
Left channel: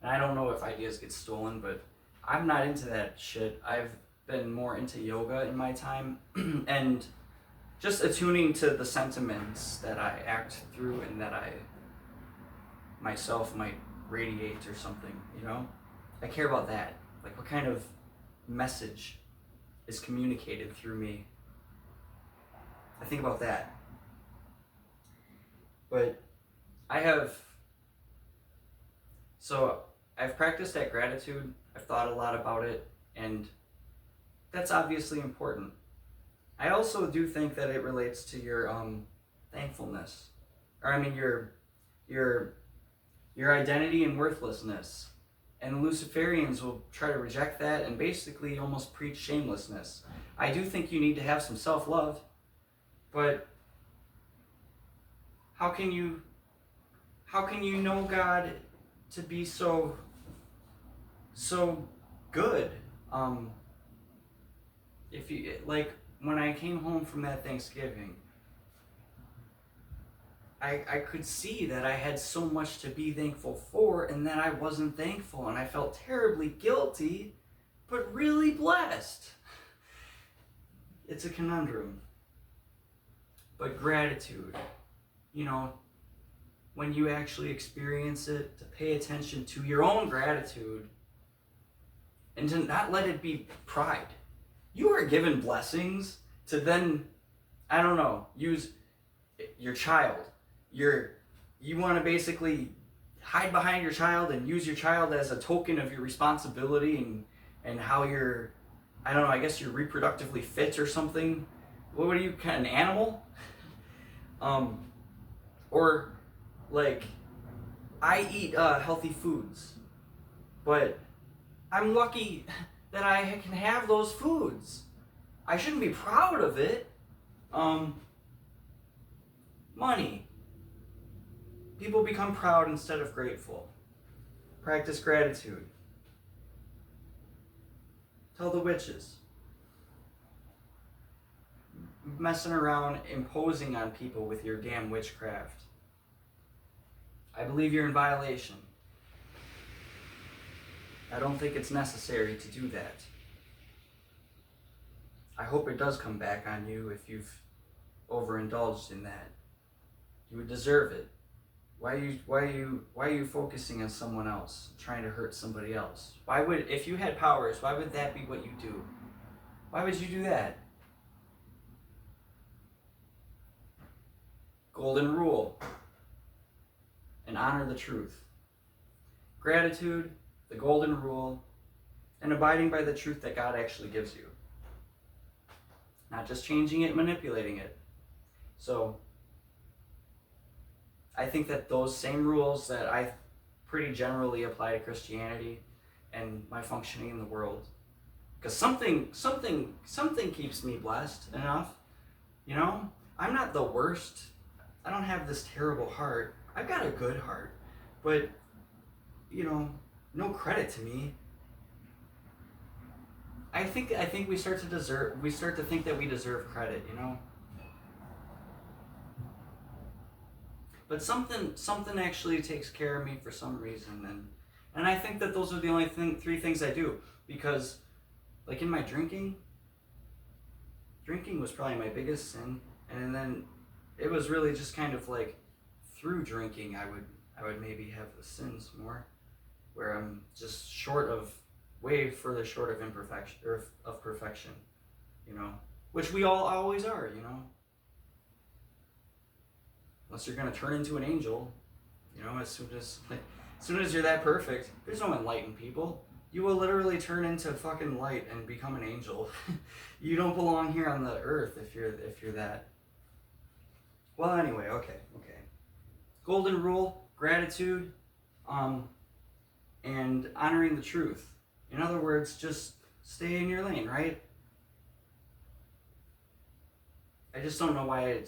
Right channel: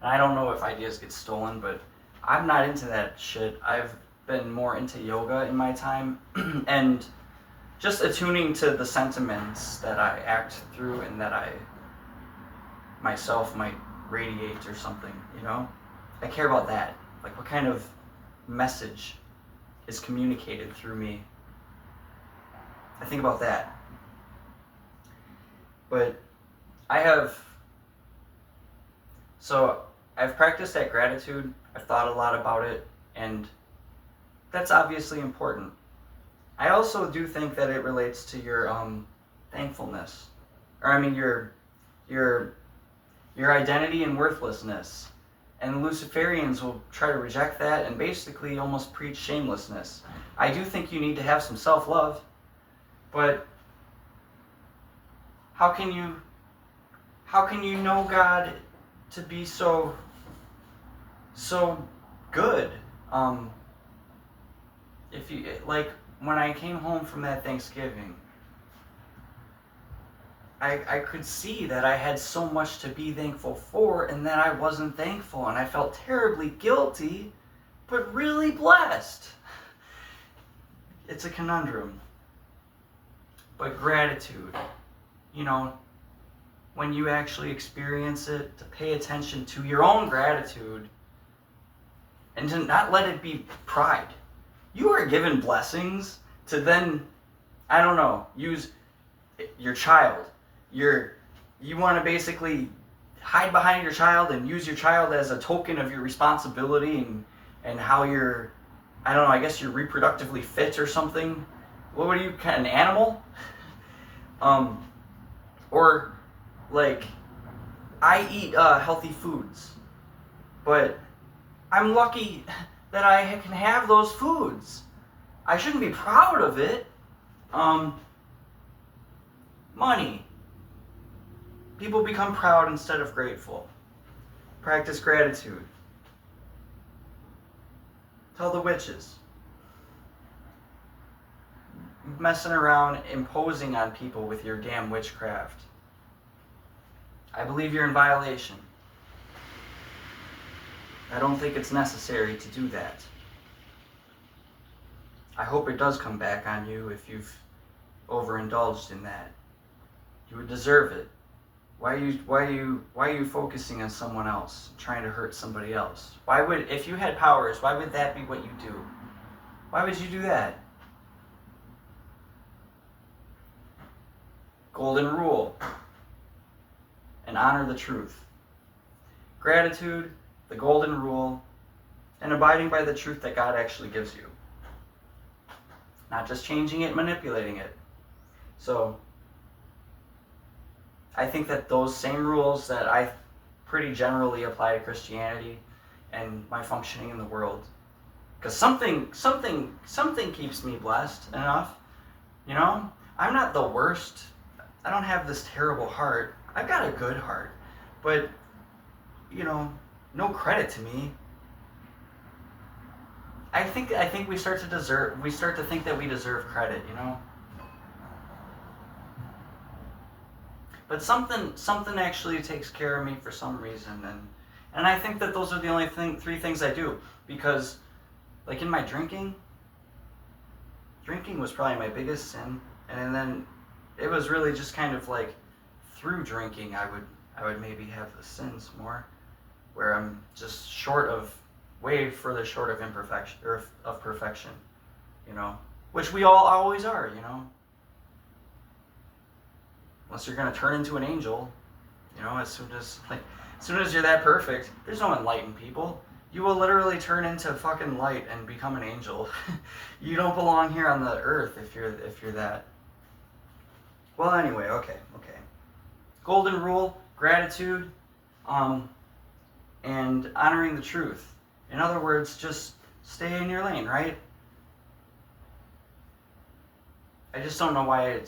I don't know if ideas get stolen, but I'm not into that shit. I've been more into yoga in my time and just attuning to the sentiments that I act through and that I myself might radiate or something, I care about that. Like, what kind of message is communicated through me? I think about that. But I've practiced that gratitude. I've thought a lot about it, and that's obviously important. I also do think that it relates to your thankfulness, or your identity and worthlessness. And Luciferians will try to reject that and basically almost preach shamelessness. I do think you need to have some self-love, but how can you know God to be so good? If you like, when I came home from that Thanksgiving, I could see that I had so much to be thankful for and that I wasn't thankful, and I felt terribly guilty, but really blessed. It's a conundrum. But gratitude, when you actually experience it, to pay attention to your own gratitude and to not let it be pride. You are given blessings to then, use your child. You want to basically hide behind your child and use your child as a token of your responsibility and how you're, I guess you're reproductively fit or something. What are you, an animal? Or like, I eat healthy foods, but I'm lucky that I can have those foods. I shouldn't be proud of it. Money. People become proud instead of grateful. Practice gratitude. Tell the witches. Messing around, imposing on people with your damn witchcraft. I believe you're in violation. I don't think it's necessary to do that. I hope it does come back on you if you've overindulged in that. You would deserve it. Why are you focusing on someone else, trying to hurt somebody else? If you had powers, why would that be what you do? Why would you do that? Golden rule. And honor the truth. Gratitude, the golden rule, and abiding by the truth that God actually gives you. not just changing it, manipulating it. So I think that those same rules that I pretty generally apply to Christianity and my functioning in the world, because something keeps me blessed enough, you know? I'm not the worst. I don't have this terrible heart. I've got a good heart, but, you know, no credit to me. I think we start to think that we deserve credit, you know? But something actually takes care of me for some reason, and I think that those are the only three things I do, because like in my drinking was probably my biggest sin, and then it was really just kind of like through drinking I would maybe have the sins more, where I'm just way further short of imperfection or of perfection, you know, which we all always are, you know. Unless you're going to turn into an angel, you know, as soon as you're that perfect, there's no enlightened people. You will literally turn into fucking light and become an angel. You don't belong here on the earth if you're that. Well, anyway, okay. Golden rule, gratitude, and honoring the truth. In other words, just stay in your lane, right? I just don't know why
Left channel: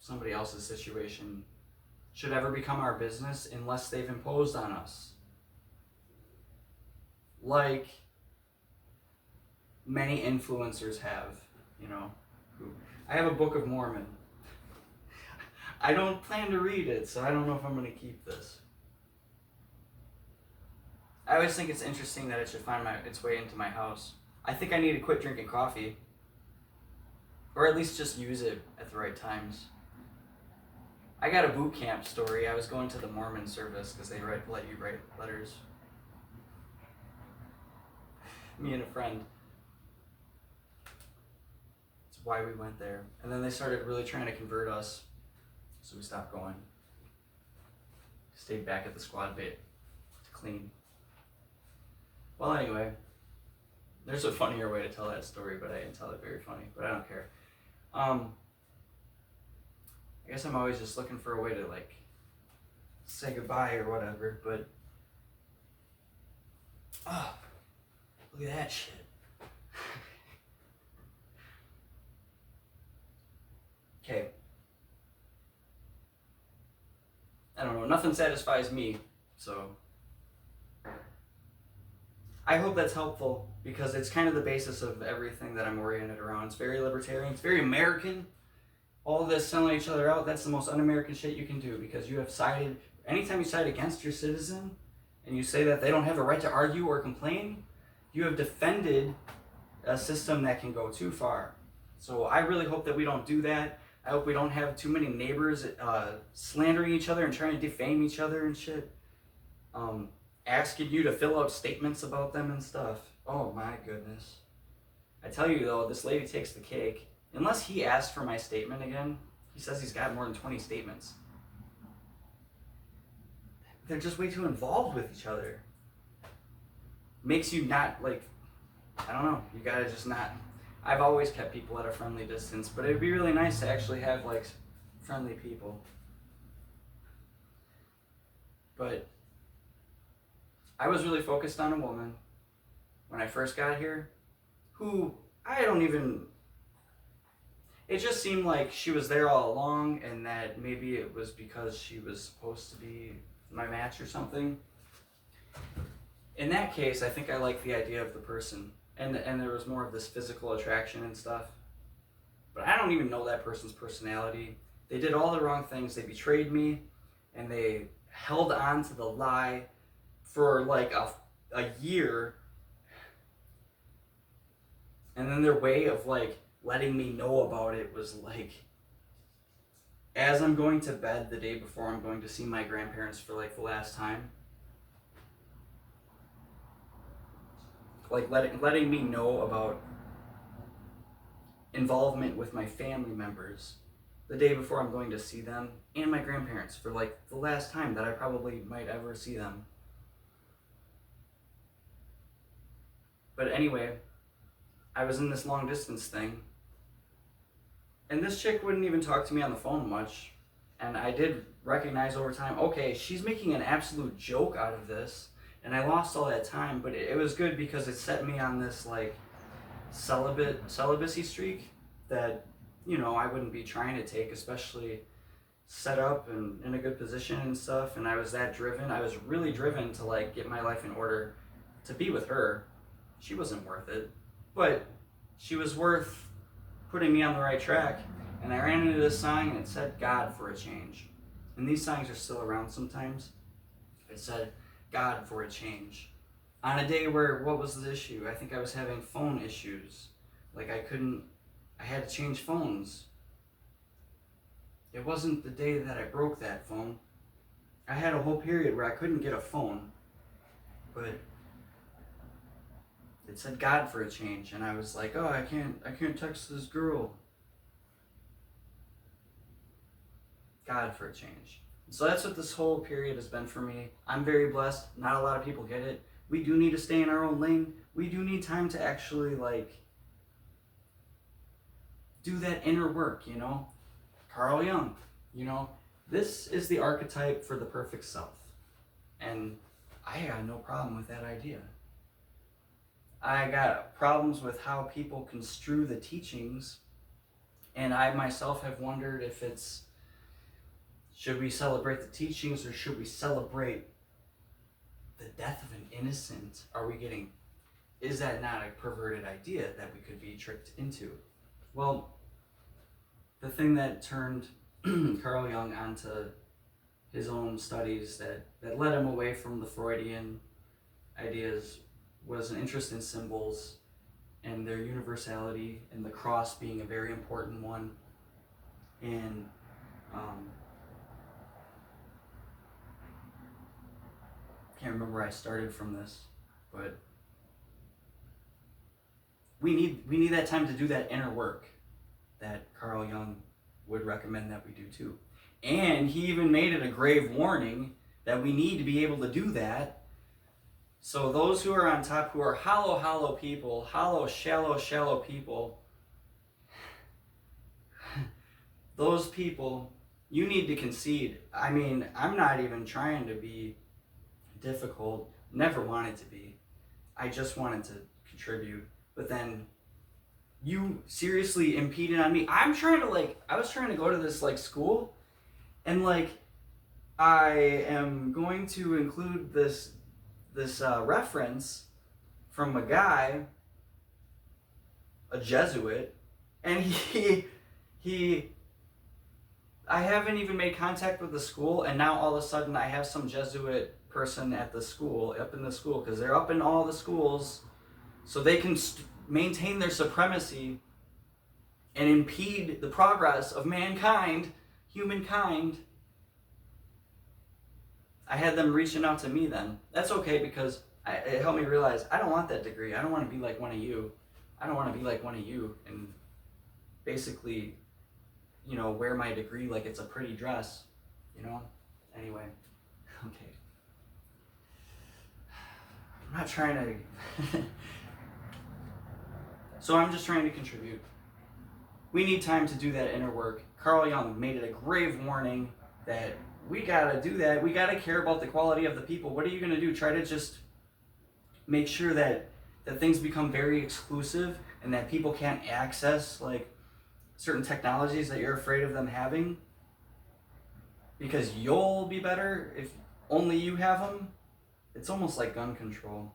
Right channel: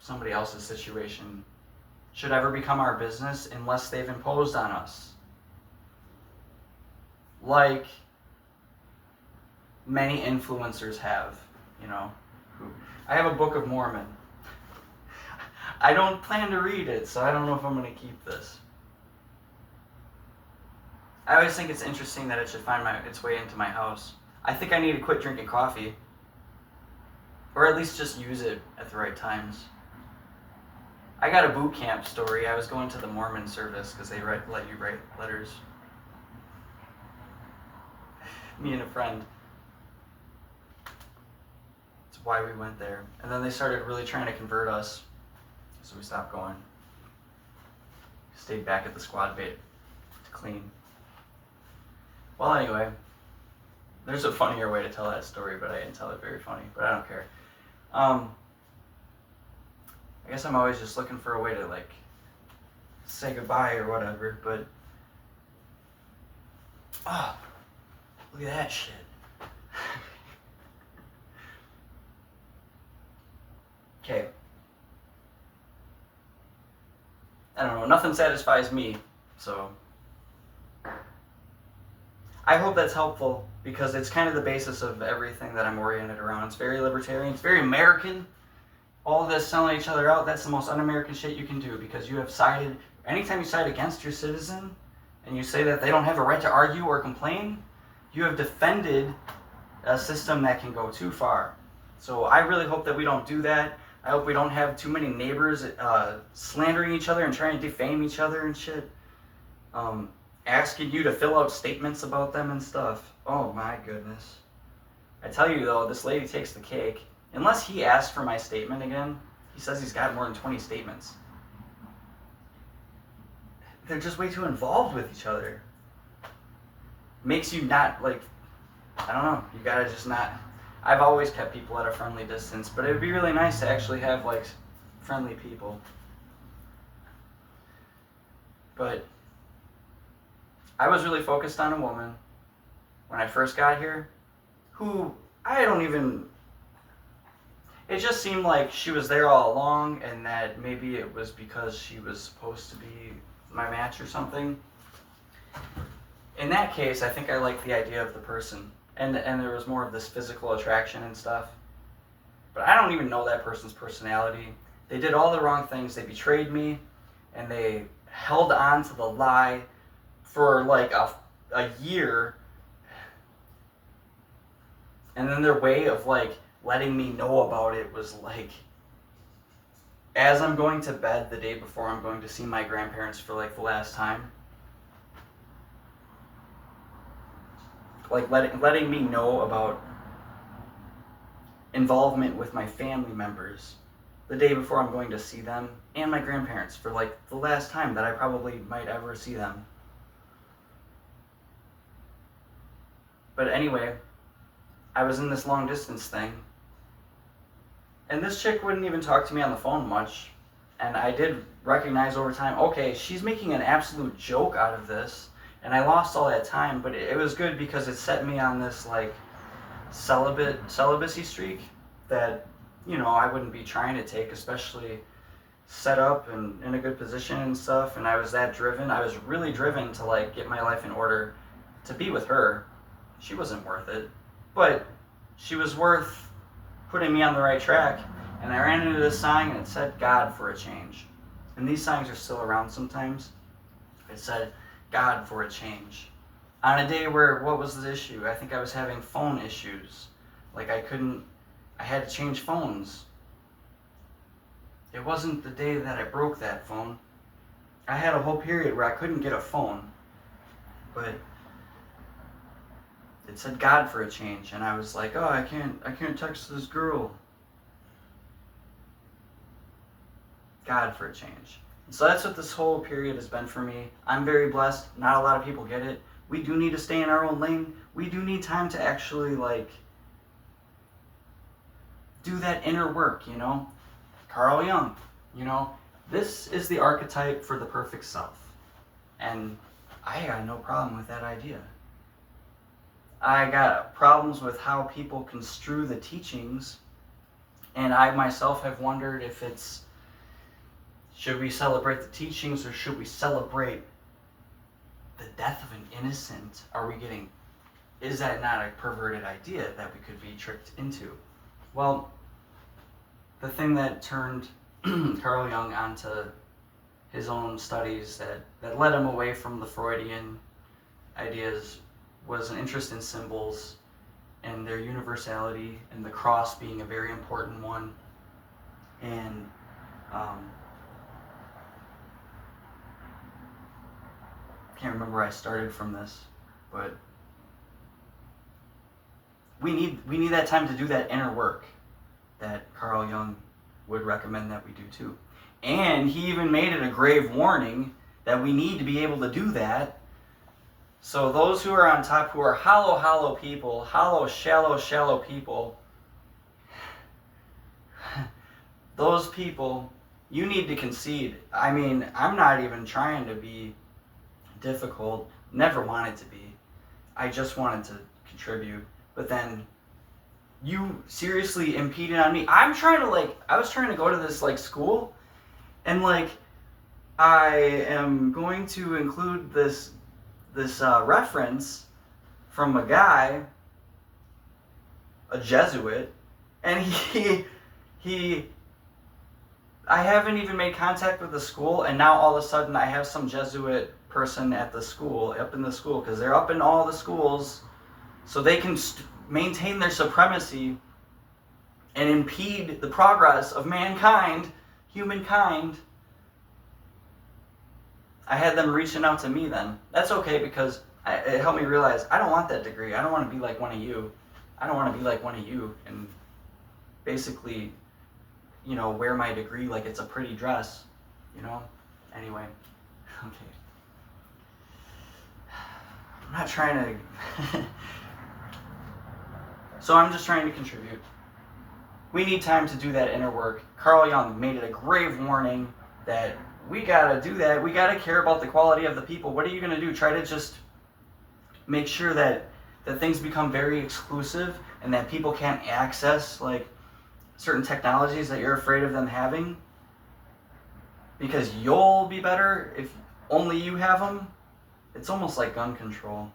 somebody else's situation should ever become our business unless they've imposed on us. Like many influencers have, you know. I have a Book of Mormon. I don't plan to read it, so I don't know if I'm going to keep this. I always think it's interesting that it should find its way into my house. I think I need to quit drinking coffee. Or at least just use it at the right times. I got a boot camp story. I was going to the Mormon service because they let you write letters. Me and a friend. That's why we went there. And then they started really trying to convert us. So we stopped going. Stayed back at the squad bait to clean. Well, anyway. There's a funnier way to tell that story, but I didn't tell it very funny. But I don't care. I guess I'm always just looking for a way to like say goodbye or whatever, but look at that shit. Okay. I don't know, nothing satisfies me, so I hope that's helpful, because it's kind of the basis of everything that I'm oriented around. It's very libertarian, it's very American. All this selling each other out, that's the most un-American shit you can do, because you have sided, anytime you side against your citizen, and you say that they don't have a right to argue or complain, you have defended a system that can go too far. So I really hope that we don't do that. I hope we don't have too many neighbors slandering each other and trying to defame each other and shit. Asking you to fill out statements about them and stuff. Oh my goodness. I tell you though, this lady takes the cake. Unless he asks for my statement again, he says he's got more than 20 statements. They're just way too involved with each other. Makes you not, like, I don't know, you gotta just not. I've always kept people at a friendly distance, but it would be really nice to actually have, like, friendly people. But I was really focused on a woman when I first got here who it just seemed like she was there all along, and that maybe it was because she was supposed to be my match or something. In that case, I think I liked the idea of the person, and there was more of this physical attraction and stuff. But I don't even know that person's personality. They did all the wrong things. They betrayed me, and they held on to the lie for like a year. And then their way of like letting me know about it was like, as I'm going to bed the day before I'm going to see my grandparents for like the last time, like letting me know about involvement with my family members the day before I'm going to see them, and my grandparents for like the last time that I probably might ever see them. But anyway, I was in this long distance thing, and this chick wouldn't even talk to me on the phone much. And I did recognize over time, okay, she's making an absolute joke out of this. And I lost all that time, but it was good because it set me on this like celibacy streak that, you know, I wouldn't be trying to take, especially set up and in a good position and stuff. And I was that driven. I was really driven to like get my life in order to be with her. She wasn't worth it, but she was worth putting me on the right track. And I ran into this sign and it said God for a change. And these signs are still around sometimes. It said God for a change. On a day where, what was the issue? I think I was having phone issues. Like I had to change phones. It wasn't the day that I broke that phone. I had a whole period where I couldn't get a phone. But it said God for a change. And I was like, oh, I can't text this girl. God for a change. So that's what this whole period has been for me. I'm very blessed. Not a lot of people get it. We do need to stay in our own lane. We do need time to actually like do that inner work, you know? Carl Jung, you know? This is the archetype for the perfect self. And I got no problem with that idea. I got problems with how people construe the teachings, and I myself have wondered if it's, should we celebrate the teachings or should we celebrate the death of an innocent? Is that not a perverted idea that we could be tricked into? Well, the thing that turned Carl Jung onto his own studies that led him away from the Freudian ideas was an interest in symbols and their universality, and the cross being a very important one. And can't remember where I started from this, but we need that time to do that inner work that Carl Jung would recommend that we do too. And he even made it a grave warning that we need to be able to do that. So those who are on top, who are hollow people, shallow people, those people, you need to concede. I mean, I'm not even trying to be difficult, never wanted to be. I just wanted to contribute. But then you seriously impeded on me. I was trying to go to this like school, and like I am going to include this reference from a guy, a Jesuit, and I haven't even made contact with the school, and now all of a sudden I have some Jesuit person at the school, up in the school, because they're up in all the schools, so they can maintain their supremacy and impede the progress of mankind, humankind. I had them reaching out to me then. That's okay, because it helped me realize I don't want that degree. I don't want to be like one of you. I don't want to be like one of you and basically, you know, wear my degree like it's a pretty dress, you know? Anyway, okay. I'm not trying to... So I'm just trying to contribute. We need time to do that inner work. Carl Jung made it a grave warning that we gotta do that. We gotta care about the quality of the people. What are you gonna do? Try to just make sure that things become very exclusive and that people can't access like certain technologies that you're afraid of them having because you'll be better if only you have them? It's almost like gun control.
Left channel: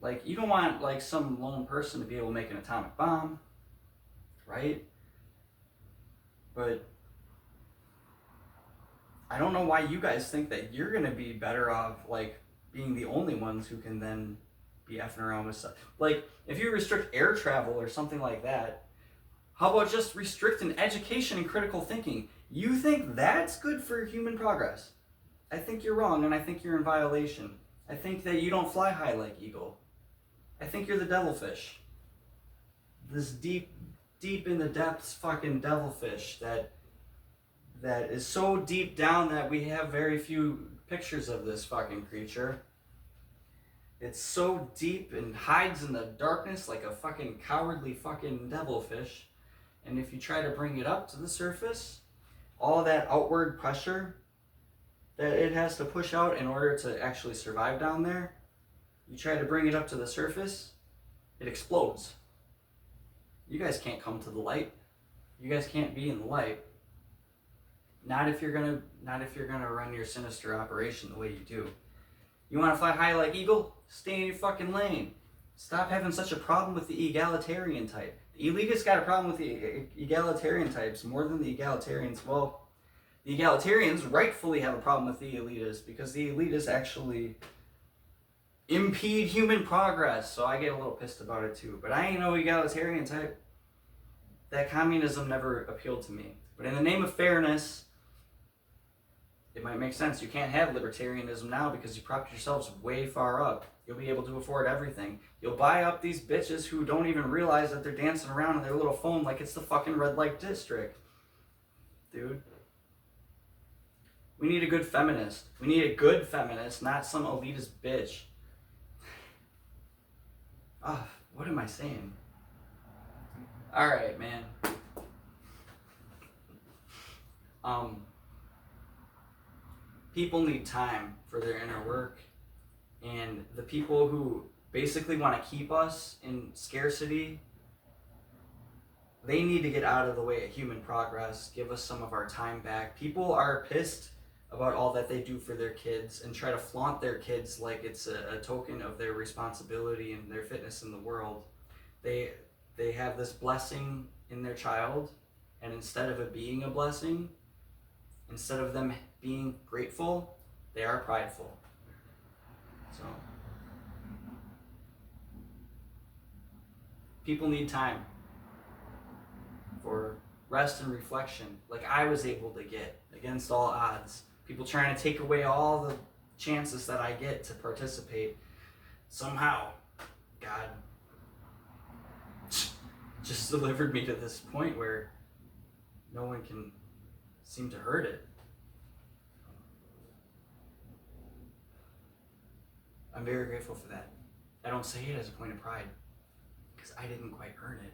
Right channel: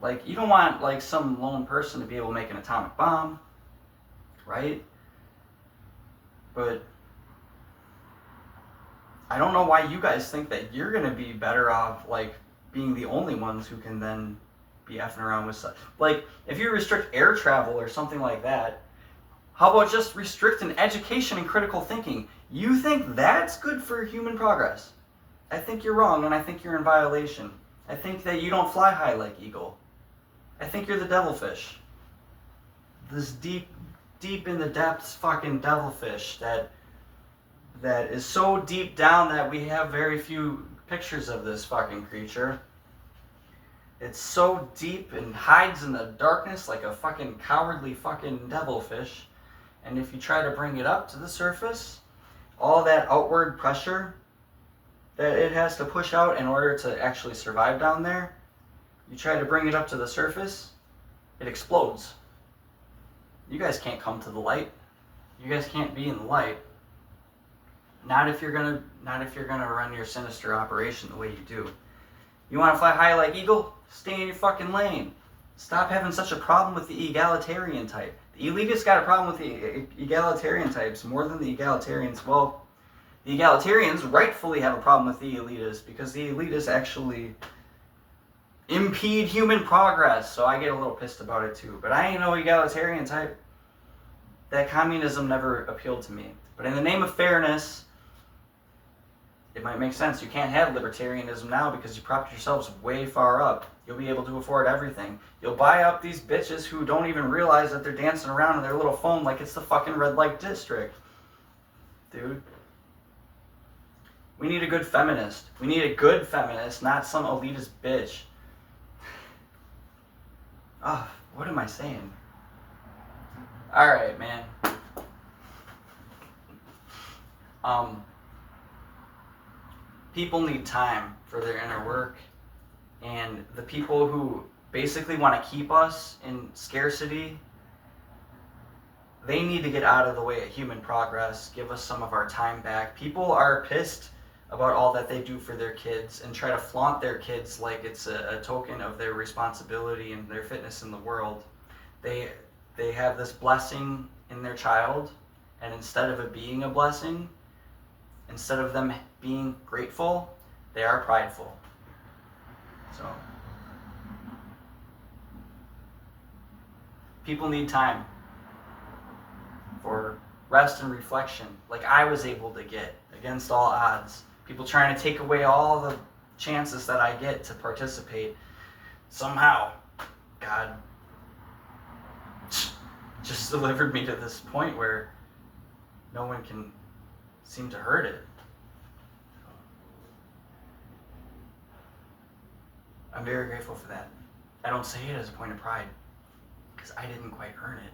Like, you don't want like some lone person to be able to make an atomic bomb, right? But I don't know why you guys think that you're gonna be better off like being the only ones who can then be effing around with stuff. Like, if you restrict air travel or something like that, how about just restricting education and critical thinking? You think that's good for human progress? I think you're wrong, and I think you're in violation. I think that you don't fly high like eagle. I think you're the devilfish. This deep in the depths fucking devilfish that is so deep down that we have very few pictures of this fucking creature. It's so deep and hides in the darkness like a fucking cowardly fucking devilfish. And if you try to bring it up to the surface, all that outward pressure that it has to push out in order to actually survive down there, you try to bring it up to the surface, it explodes. You guys can't come to the light. You guys can't be in the light. Not if you're gonna run your sinister operation the way you do. You want to fly high like eagle? Stay in your fucking lane. Stop having such a problem with the egalitarian type. The elitists got a problem with the egalitarian types more than the egalitarians. Well, the egalitarians rightfully have a problem with the elitists because the elitists actually impede human progress. So I get a little pissed about it too. But I ain't no egalitarian type. That communism never appealed to me. But in the name of fairness, it might make sense. You can't have libertarianism now because you propped yourselves way far up. You'll be able to afford everything. You'll buy up these bitches who don't even realize that they're dancing around in their little phone like it's the fucking red light district. Dude. We need a good feminist. We need a good feminist, not some elitist bitch. What am I saying? Alright, man. People need time for their inner work, and the people who basically want to keep us in scarcity, they need to get out of the way of human progress, give us some of our time back. People are pissed about all that they do for their kids and try to flaunt their kids like it's a token of their responsibility and their fitness in the world. They have this blessing in their child, and instead of it being a blessing, instead of them being grateful, they are prideful. So, people need time for rest and reflection, like I was able to get against all odds. People trying to take away all the chances that I get to participate. Somehow, God just delivered me to this point where no one can seem to hurt it. I'm very grateful for that. I don't say it as a point of pride because I didn't quite earn it.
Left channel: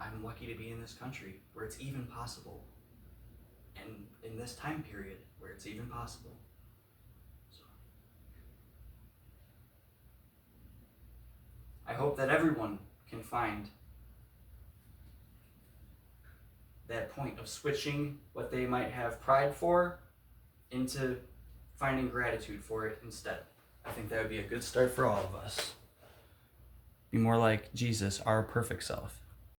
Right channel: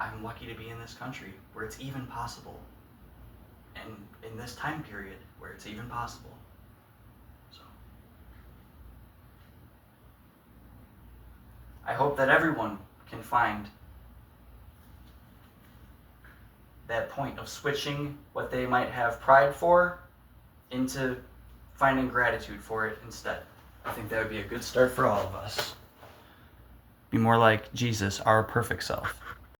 I'm lucky to be in this country where it's even possible, and in this time period where it's even possible. So I hope that everyone can find that point of switching what they might have pride for into finding gratitude for it instead. I think that would be a good start for all of us. Be more like Jesus, our perfect self.